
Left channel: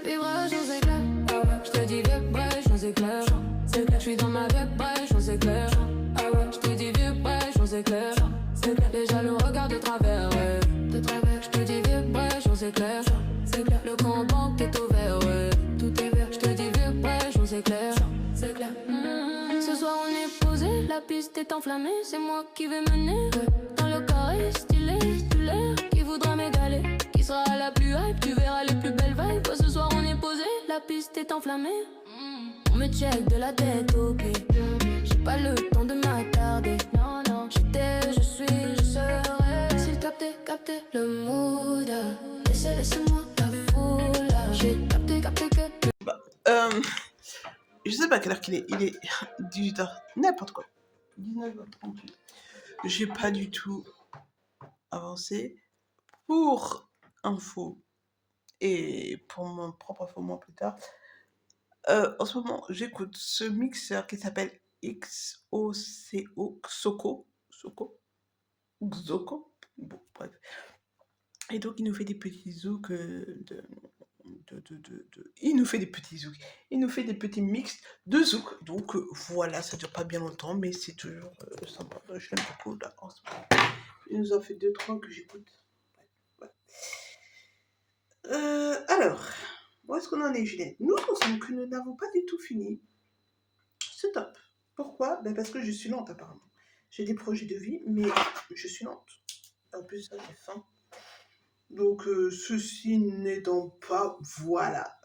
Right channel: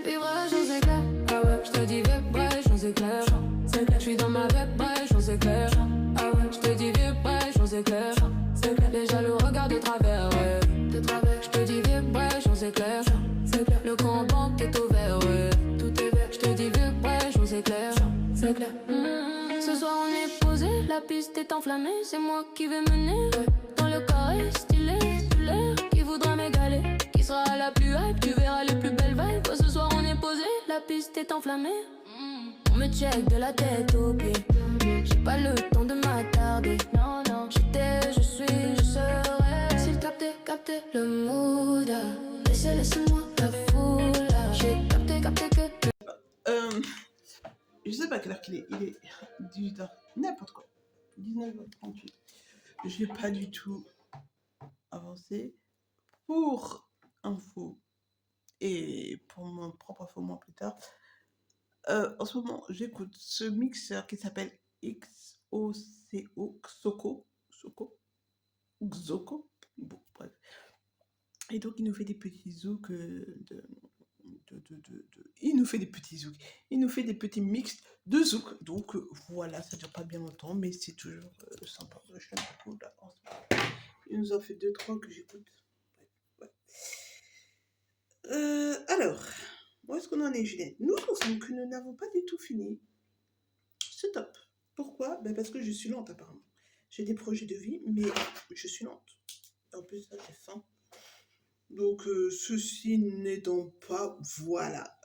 Vibrations éclairs, ah ouais, je te dis vibrations éclairs. Je suis dans ma vibration, c'est clair. Ah ouais, je te dis vibration, c'est clair. Déjà le regard de travers, ouais. Je te dis vibration, c'est clair. Le compte banque est ouvert, ouais. Tout est vert. Je te dis vibration, c'est clair. Ce soir on est posé, la piste est enflammée. C'est moi qui vais mener, ouais. Dans le carré stylé, tu l'air qui voudra m'égaler. Qui sera la plus hype, tu verras les plus belles vibes. Ce soir on est posé, la piste est enflammée. On me check de la tête aux pieds. J'ai pas le temps de m'attarder. Non, non, j'étais, je suis, je serai. S'il captait le mood. Laissez-moi la foule. J'ai capté que. Je sais pas quelle heure qu'il est. Il est 18h, n'importe quoi. 19h38. J'ai pas du tout avancé. Pour info et pour mon propre info moins plus tard, en ce moment, j'écoute ce mixeur qui s'appelle XOCO, Xoko, bon, bref. Et donc, il nous fait des petits zouks il nous fait des petits zouks. Il nous fait des petits mix de zouk. Donc, voilà, ça dure pas bien longtemps, mais c'est toujours sympa. Je l'aime beaucoup, là, en ce moment. Il nous en fait 2-3 que j'écoute. Ouais. Alors, où est-ce qu'on en est, Juliette? Nous pensons que nous n'avons pas du tout fini. C'est top. Pourquoi? Ben parce que je suis lente, apparemment. J'ai des projets de vie, mais je suis lente. En plus, ça, j'ai faim. Donc, ceci n'aidant pas, voilà.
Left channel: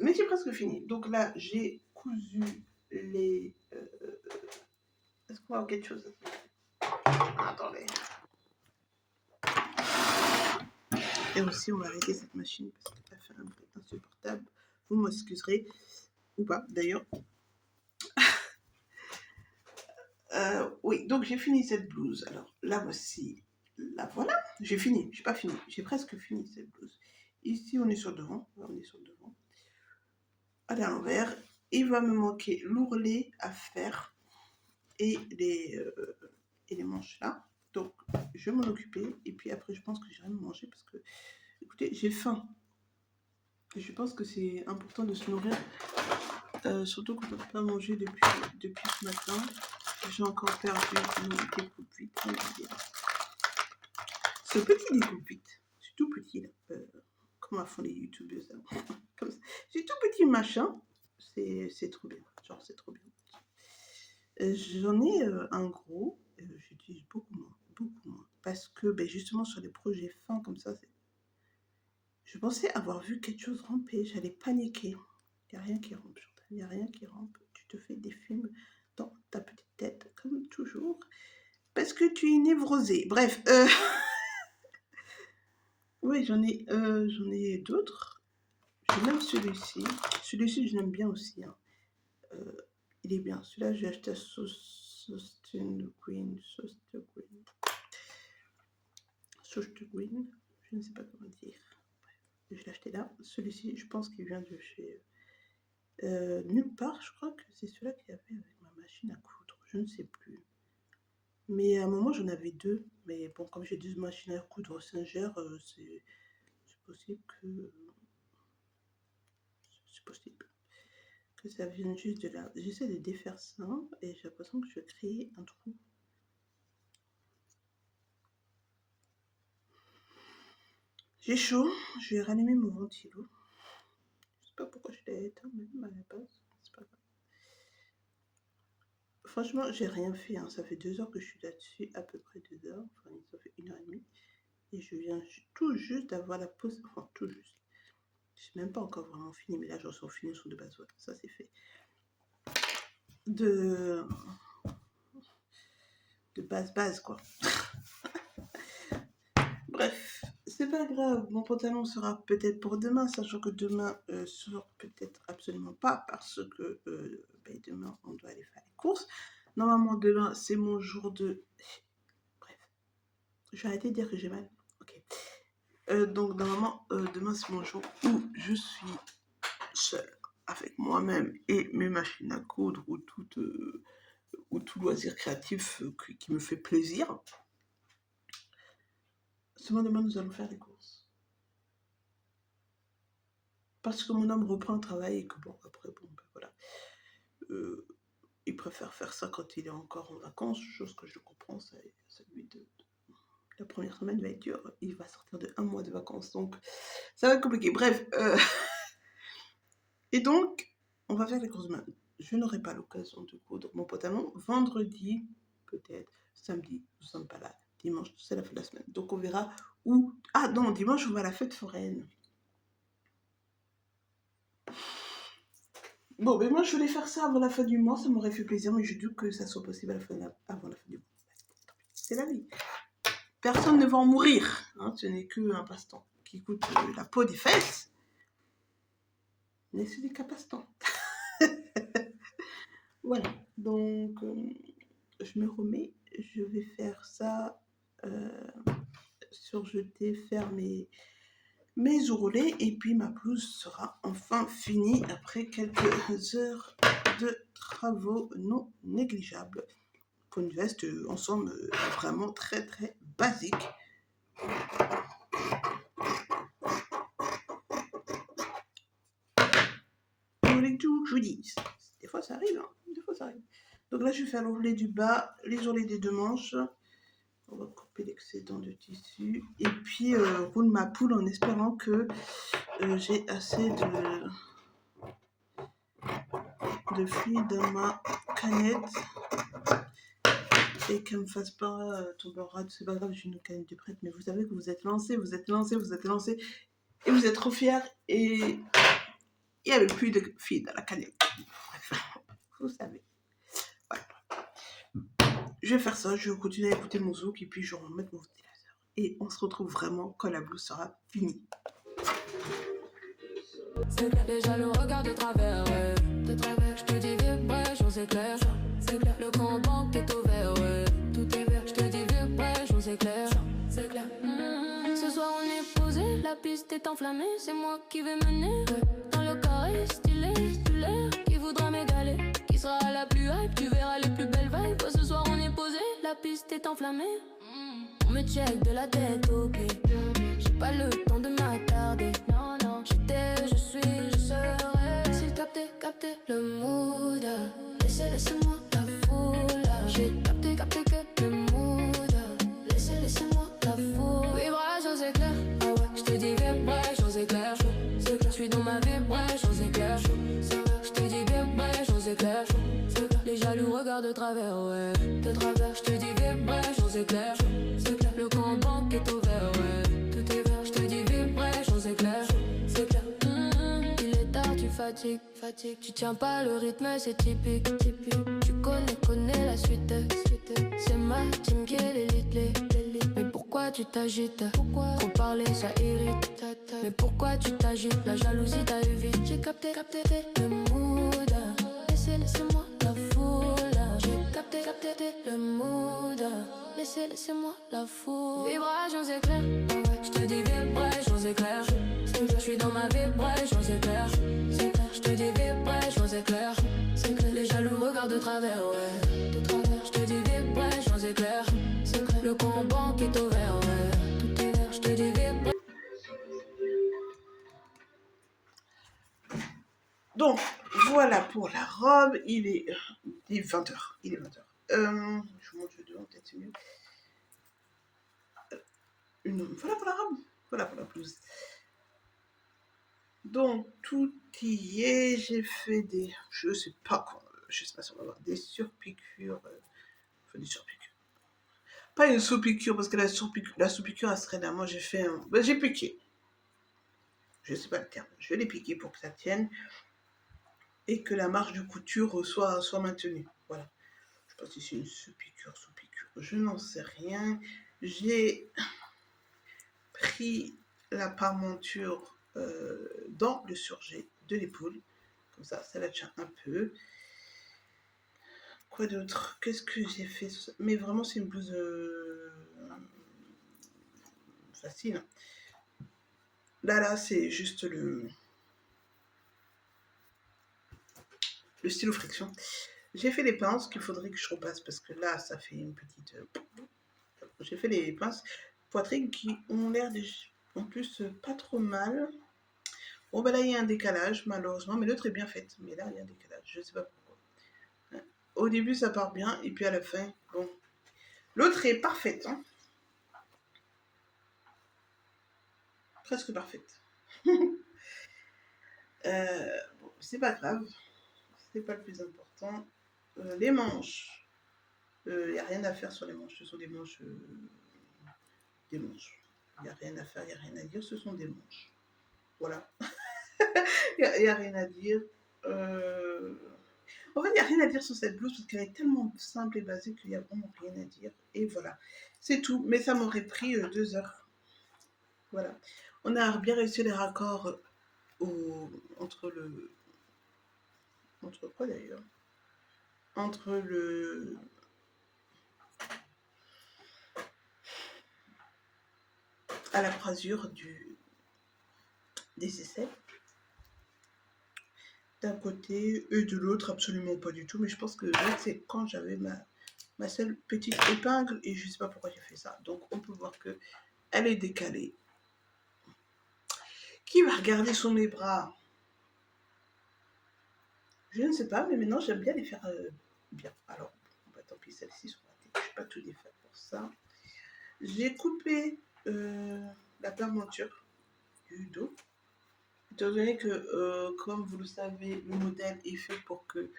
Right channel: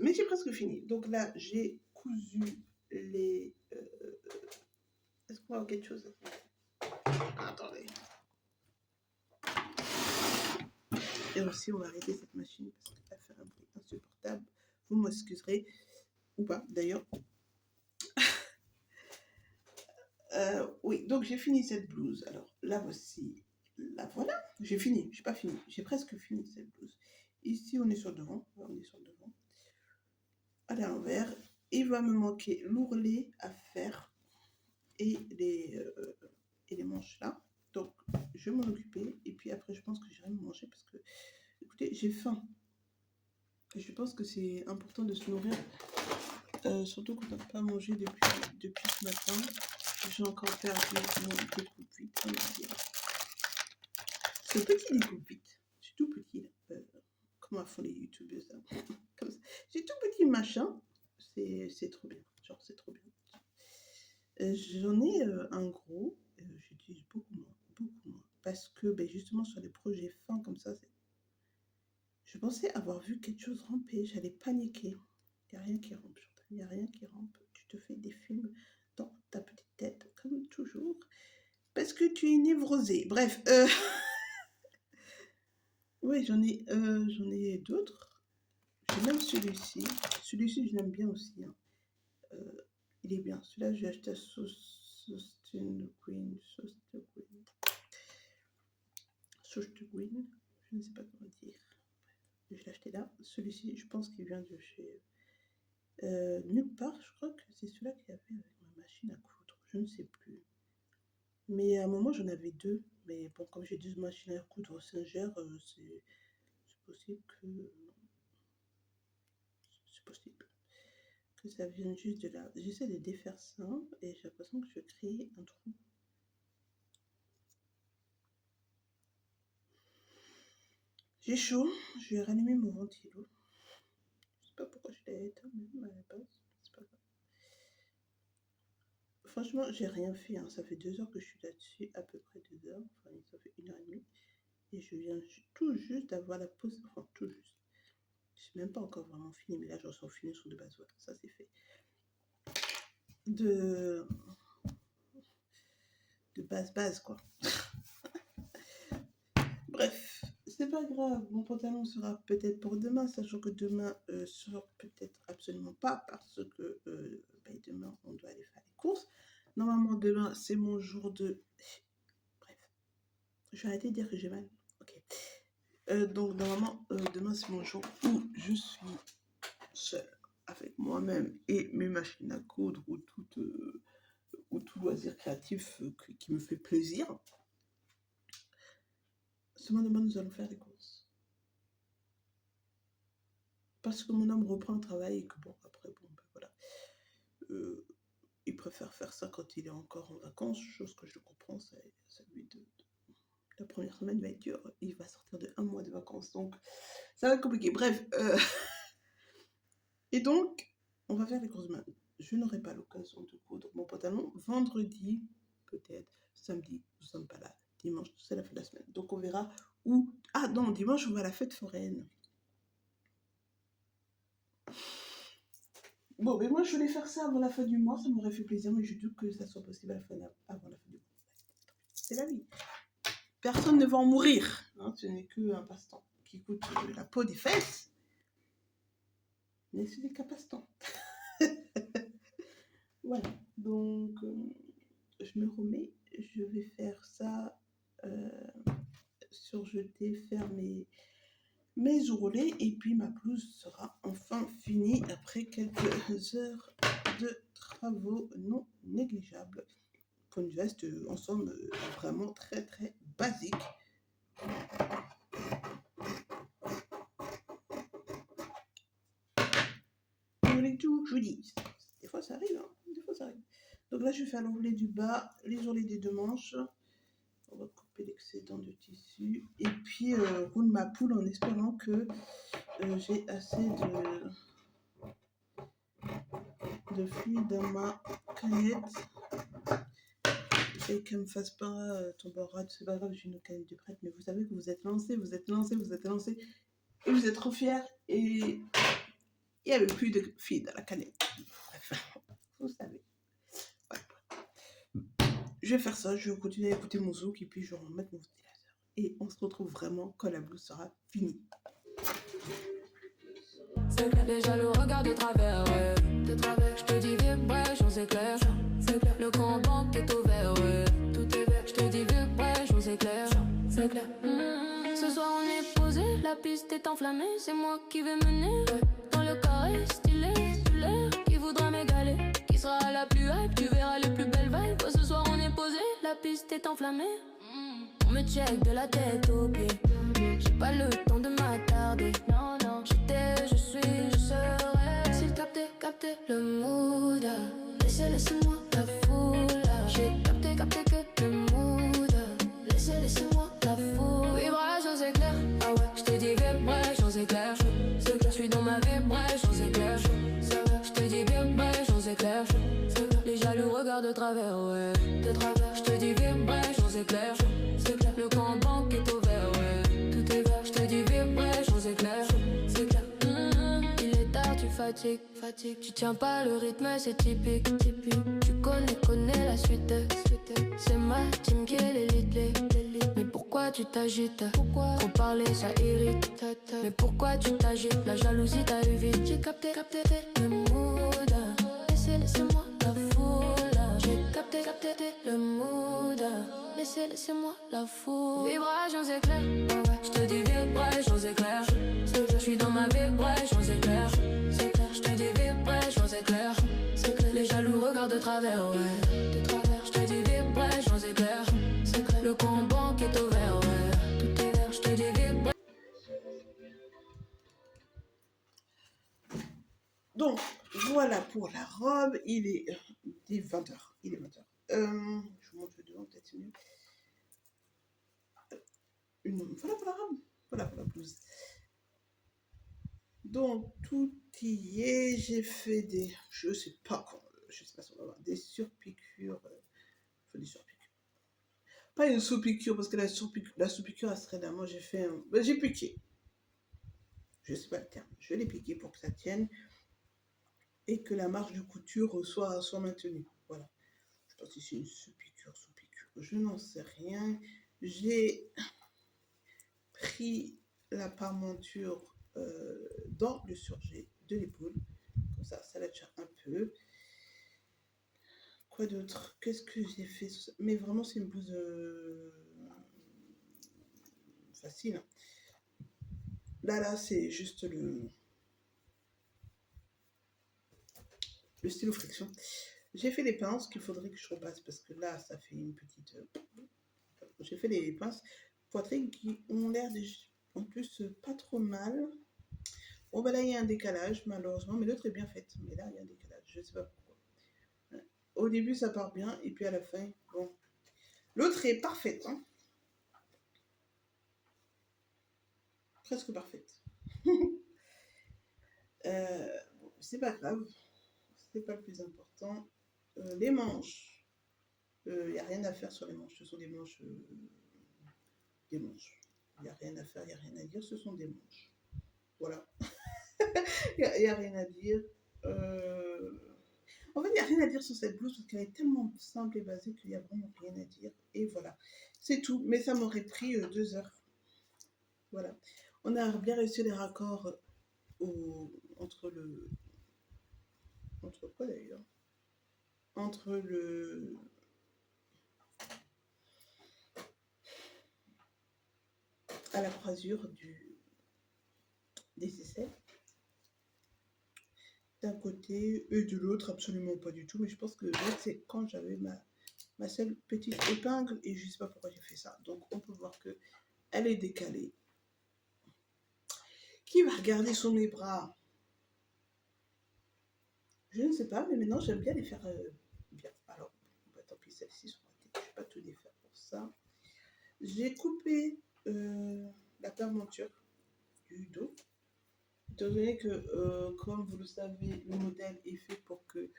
Mais j'ai presque fini. Donc là, j'ai cousu les... Est-ce qu'on va avoir quelque chose? Attendez. Et aussi, on va arrêter cette machine parce qu'elle fait un bruit insupportable. Vous m'excuserez. Ou pas, d'ailleurs. Oui, donc j'ai fini cette blouse. Alors, là, voici. Là, voilà. J'ai fini. J'ai pas fini. J'ai presque fini cette blouse. Ici, on est sur le devant. On est sur le devant. Allez, à l'envers. Il va me manquer l'ourlet à faire et les manches là. Donc, je vais m'en occuper. Et puis après, je pense que j'irai me manger parce que, écoutez, j'ai faim. Et je pense que c'est important de se nourrir. Surtout quand on n'a pas mangé depuis ce matin. J'ai encore perdu mon découpe vite. C'est petit découpe vite. C'est tout petit là. Comment font les youtubeurs ça? C'est tout petit machin. C'est trop bien. Genre, c'est trop bien. J'en ai un gros. J'utilise beaucoup moins. Beaucoup moins. Parce que ben, justement, sur les projets fins comme ça, je pensais avoir vu quelque chose ramper. J'allais paniquer. Il n'y a rien qui rampe. Il n'y a rien qui rampe. Tu te fais des films dans ta petite tête, comme toujours. Parce que tu es névrosée. Bref. Oui, j'en ai d'autres. J'ai même celui-ci. Celui-ci, je l'aime bien aussi. Hein. Il est bien. Celui-là, j'ai acheté à Sost Green. Je ne sais pas comment dire. Je l'ai acheté là. Celui-ci, je pense qu'il vient de chez nulle part. Je crois que c'est celui-là qu'il y avait avec ma machine à coudre. Je ne sais plus. Mais à un moment, j'en avais deux. Mais bon, comme j'ai deux machines à coudre Singer, c'est possible que... C'est possible que ça vienne juste de là. J'essaie de défaire ça et j'ai l'impression que je vais créer un trou. J'ai chaud, je vais rallumer mon ventilo. Je sais pas pourquoi je l'ai éteint même à la base. C'est pas grave. Franchement, j'ai rien fait. Hein. Ça fait 2 heures que je suis là-dessus, à peu près 2 heures. Enfin, ça fait 1h30. Et je viens tout juste d'avoir la pause. Enfin, tout juste. Je suis même pas encore vraiment fini, mais là, j'en suis fini sur de base. Ouais, ça, c'est fait. De base, quoi. Bref, c'est pas grave. Mon pantalon sera peut-être pour demain, sachant que demain sera peut-être absolument pas, parce que demain, on doit aller faire les courses. Normalement, demain, c'est mon jour de... Bref, je vais arrêter de dire que j'ai mal. Ok. Donc, normalement, demain, c'est mon jour où je suis seule avec moi-même et mes machines à coudre ou tout loisir créatif qui me fait plaisir. Seulement demain, nous allons faire les courses. Parce que mon homme reprend le travail et que bon, après, bon, ben voilà. Il préfère faire ça quand il est encore en vacances, chose que je comprends, celui de... La première semaine va être dure, il va sortir de 1 mois de vacances, donc ça va être compliqué. Bref, et donc, on va faire les courses demain. Je n'aurai pas l'occasion de coudre mon pantalon. Vendredi, peut-être, samedi, nous ne sommes pas là. Dimanche, c'est la fin de la semaine. Donc on verra où... Ah non, dimanche, on va à la fête foraine. Bon, mais moi, je voulais faire ça avant la fin du mois. Ça m'aurait fait plaisir, mais je doute que ça soit possible avant la fin du mois. C'est la vie. Personne ne va en mourir. Hein, ce n'est qu'un passe-temps qui coûte la peau des fesses. Mais ce n'est qu'un passe-temps. Voilà. Donc, je me remets. Je vais faire ça... surjeter, faire mes ourlets et puis ma blouse sera enfin finie après quelques heures de travaux non négligeables pour une veste en somme vraiment très très basique. Vous voulez tout que je vous dise, des fois ça arrive, hein, des fois ça arrive. Donc là je vais faire l'ourlet du bas, les ourlets des 2 manches. On va couper l'excédent de tissu et puis roule ma poule en espérant que j'ai assez de fluide dans ma canette et qu'elle ne me fasse pas tomber en rade. C'est pas grave, j'ai une canette de prête, mais vous savez que vous êtes lancés et vous êtes trop fiers et il n'y avait plus de fluide dans la canette. Bref, vous savez. Je vais faire ça, je vais continuer à écouter mon zouk et puis je vais remettre mon ventilateur. Et on se retrouve vraiment quand la blouse sera finie. C'est clair, déjà le regard de travers, ouais. De travers, je te dis vibration, c'est clair. C'est clair, le compte banque est ouvert, ouais. Tout est vert, je te dis vibration, c'est clair. C'est clair. Ce soir on est posé, la piste est enflammée. C'est moi qui vais mener, ouais. Dans le carré, stylé, stulaire. Qui voudra m'égaler, qui sera la plus hype. Tu verras les plus belles vibes. Ce soir on est posé, la piste est enflammée. On me check de la tête aux pieds. J'ai pas le temps de m'attarder. Non, non, j'étais, je suis, je serai. S'il capter le mood. Laissez-moi la foule. J'ai capté que le mood. Laissez-moi la foule. Vibration c'est clair. Ah ouais, je te dis vibration c'est clair. C'est clair, je suis dans ma vibration c'est clair. Je te dis vibration c'est clair. Les jaloux regardent de travers, ouais. De travers, je te dis vibration c'est clair. C'est clair, le compte banque est ouvert, ouais. Tout est vert, je te dis vibration c'est clair. C'est clair. Il est tard, tu fatigues. Tu tiens pas le rythme, c'est typique. Tu connais la suite. C'est ma team qui est l'élite. Mais pourquoi tu t'agites? Trop parler, ça irrite. Mais pourquoi tu t'agites? La jalousie t'a eu vite. J'ai capté le mood. Laissez-moi la foule. J'ai capté le mood. Laissez-moi la foule. Vibration c'est clair. Ah ouais. Je te dis vibration, c'est clair. Je suis dans ma vibration, c'est clair. Je te dis vibration, c'est clair. Les jaloux regardent de travers, ouais. De travers, je te dis vibration, c'est clair. Le compte banque est ouvert, ouais. Tout est vert, je te dis vibration. Donc, voilà pour la robe. Il est 20h. Il est 20h. Je vous montre devant, peut-être c'est mieux. Voilà pour la robe. Voilà pour la blouse. Donc, tout y est. J'ai fait des... Je sais pas si on va avoir des surpiqûres. Enfin, des surpiqûres. Pas une sous-piqûre, parce que la sous-piqûre, elle serait là. Moi, j'ai fait un... Ben, j'ai piqué. Je sais pas le terme. Je vais les piquer pour que ça tienne. Et que la marge de couture soit maintenue. Voilà. Je sais pas si c'est une sous-piqûre. Je n'en sais rien. J'ai pris la parmenture dans le surjet de l'épaule. Comme ça la tient un peu. Quoi d'autre? Qu'est-ce que j'ai fait? Mais vraiment, c'est une blouse facile. Là, c'est juste le stylo friction. J'ai fait les pinces qu'il faudrait que je repasse parce que là, ça fait une petite... J'ai fait les pinces poitrine qui ont l'air en plus pas trop mal. Bon, ben là, il y a un décalage, malheureusement, mais l'autre est bien faite. Mais là, il y a un décalage, je sais pas pourquoi. Au début, ça part bien, et puis à la fin, bon. L'autre est parfaite, hein. Presque parfaite. Bon, c'est pas grave. C'est pas le plus important. Les manches. Il n'y a rien à faire sur les manches. Ce sont des manches. Des manches. Il n'y a rien à faire, il n'y a rien à dire. Ce sont des manches. Voilà. Il n'y a rien à dire. En fait, il n'y a rien à dire sur cette blouse parce qu'elle est tellement simple et basique qu'il n'y a vraiment rien à dire. Et voilà. C'est tout. Mais ça m'aurait pris 2 heures. Voilà. On a bien réussi les raccords entre le... Entre quoi d'ailleurs? Entre le... à la croisure des aisselles. D'un côté et de l'autre, absolument pas du tout. Mais je pense que là, c'est quand j'avais ma seule petite épingle et je sais pas pourquoi j'ai fait ça. Donc, on peut voir que elle est décalée. Qui va regarder sous mes bras? Je ne sais pas, mais maintenant, j'aime bien les faire bien. Alors, bah, tant pis, celle-ci sur la tête. Je ne vais pas tout défaire pour ça. J'ai coupé la parmenture du dos. Étant donné que, comme vous le savez, le modèle est fait pour que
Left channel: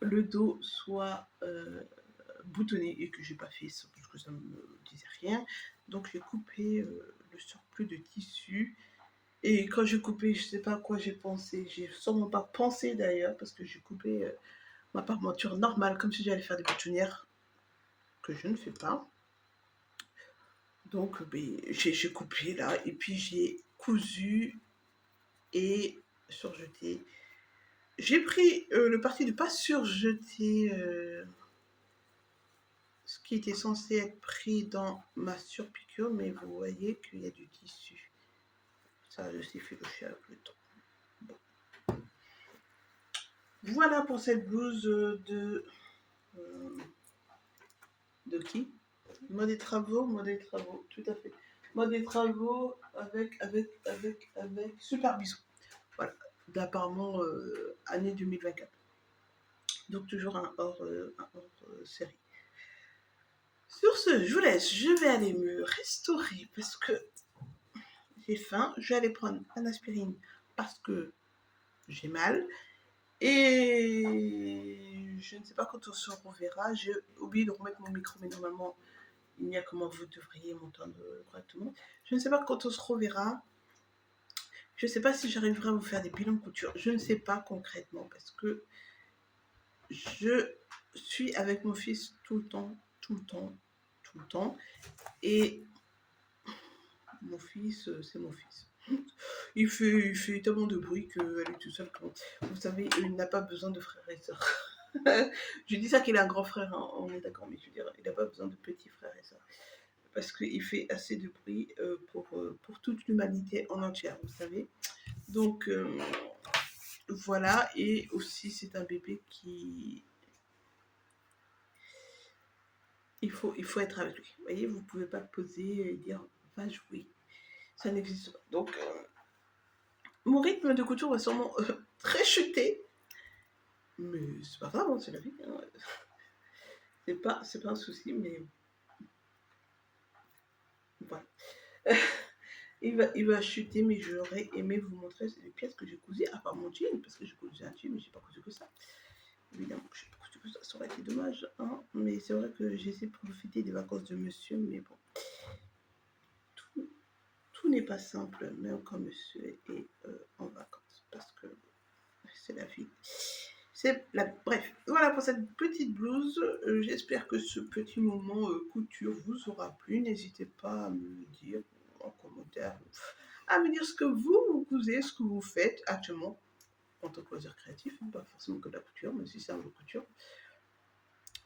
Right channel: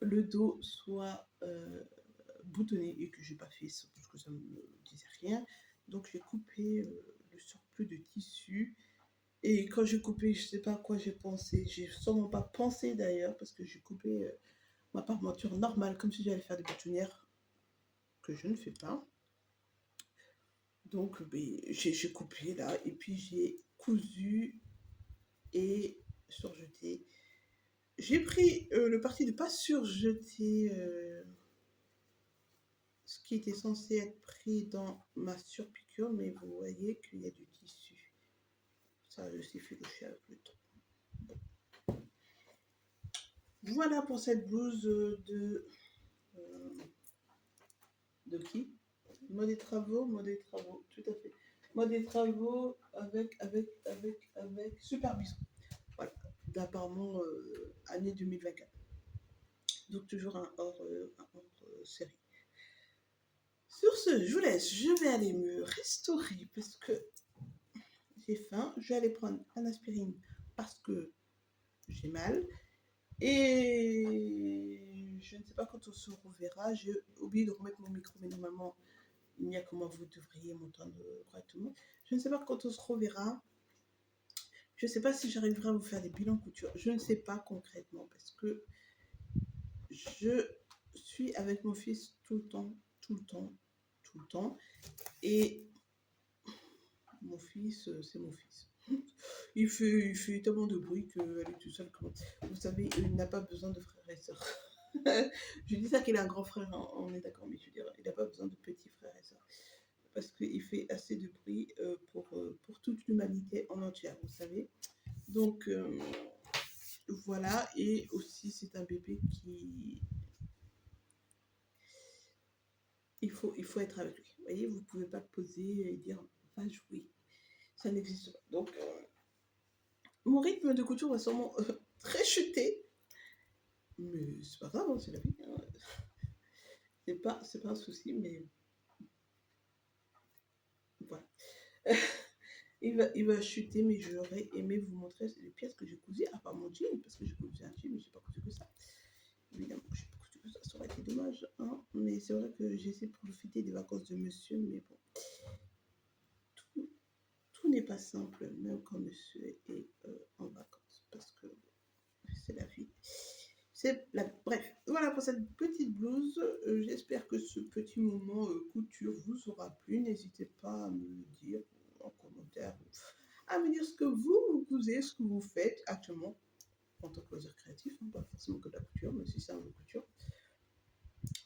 le dos soit boutonné et que j'ai pas fait ça parce que ça me disait rien. Donc j'ai coupé le surplus de tissu. Et quand j'ai coupé, je sais pas à quoi j'ai pensé. J'ai sûrement pas pensé d'ailleurs parce que j'ai coupé ma parmenture normale comme si j'allais faire des boutonnières que je ne fais pas. Donc j'ai coupé là et puis j'ai cousu et surjeté. J'ai pris le parti de pas surjeter ce qui était censé être pris dans ma surpiqûre, mais vous voyez qu'il y a du tissu. Ça a aussi fait le chien avec le temps. Bon. Voilà pour cette blouse de qui? Mode des travaux, tout à fait. Mode des travaux avec super bisou. Voilà, d'apparemment année 2024. Donc toujours un hors série. Sur ce, je vous laisse, je vais aller me restaurer parce que j'ai faim. Je vais aller prendre un aspirine parce que j'ai mal. Et je ne sais pas quand on se reverra. J'ai oublié de remettre mon micro, mais normalement, il n'y a comment vous devriez m'entendre correctement. Je ne sais pas quand on se reverra. Je ne sais pas si j'arriverai à vous faire des bilans de couture. Je ne sais pas concrètement parce que je suis avec mon fils tout le temps. Et mon fils, c'est mon fils. Il fait tellement de bruit qu'elle est tout seul. Vous savez, il n'a pas besoin de frères et sœurs. Je dis ça qu'il a un grand frère, hein, on est d'accord, mais je veux dire, il n'a pas besoin de petits frères et sœurs. parce qu'il fait assez de bruit pour toute l'humanité en entière, vous savez. Donc voilà, et aussi c'est un bébé qui... Il faut être avec lui. Vous voyez, vous ne pouvez pas poser et dire va jouer. Ça n'existe pas. Donc mon rythme de couture va sûrement très chuter. Mais c'est pas grave, hein, c'est la vie. Hein. C'est pas un souci, mais voilà. Il va chuter, mais j'aurais aimé vous montrer les pièces que j'ai cousues, à part mon jean, parce que j'ai cousu un jean, mais j'ai pas cousu que ça. Évidemment, j'ai pas cousu que ça aurait été dommage. Hein. Mais c'est vrai que j'ai essayé de profiter des vacances de monsieur, mais bon. Tout n'est pas simple, même quand monsieur est en vacances, parce que c'est la vie. Bref, voilà pour cette petite blouse. J'espère que ce petit moment couture vous aura plu. N'hésitez pas à me le dire en commentaire, à me dire ce que vous cousez, ce que vous faites actuellement en tant que loisir créatif, hein, pas forcément que de la couture, mais si c'est un peu couture.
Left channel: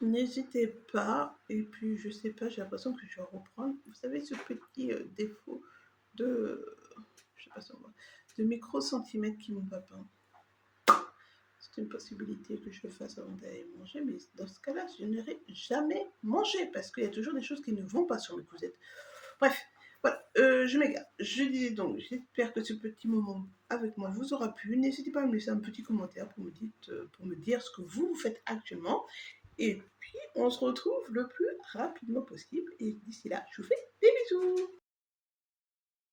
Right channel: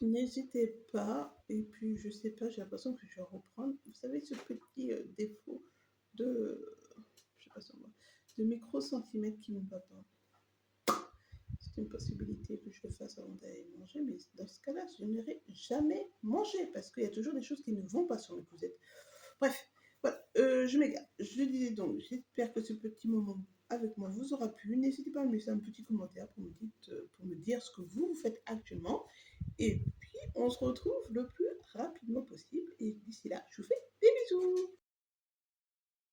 N'hésitez pas, et puis je sais pas, j'ai l'impression que je vais reprendre, vous savez, ce petit défaut de, je sais pas si on voit, de micro-centimètres qui ne va pas. C'est une possibilité que je le fasse avant d'aller manger, mais dans ce cas-là, je n'irai jamais manger parce qu'il y a toujours des choses qui ne vont pas sur mes cousettes. Bref, voilà, je m'égare. Je disais donc, j'espère que ce petit moment avec moi vous aura plu. N'hésitez pas à me laisser un petit commentaire pour me dire ce que vous faites actuellement. Et puis, on se retrouve le plus rapidement possible. Et d'ici là, je vous fais des bisous.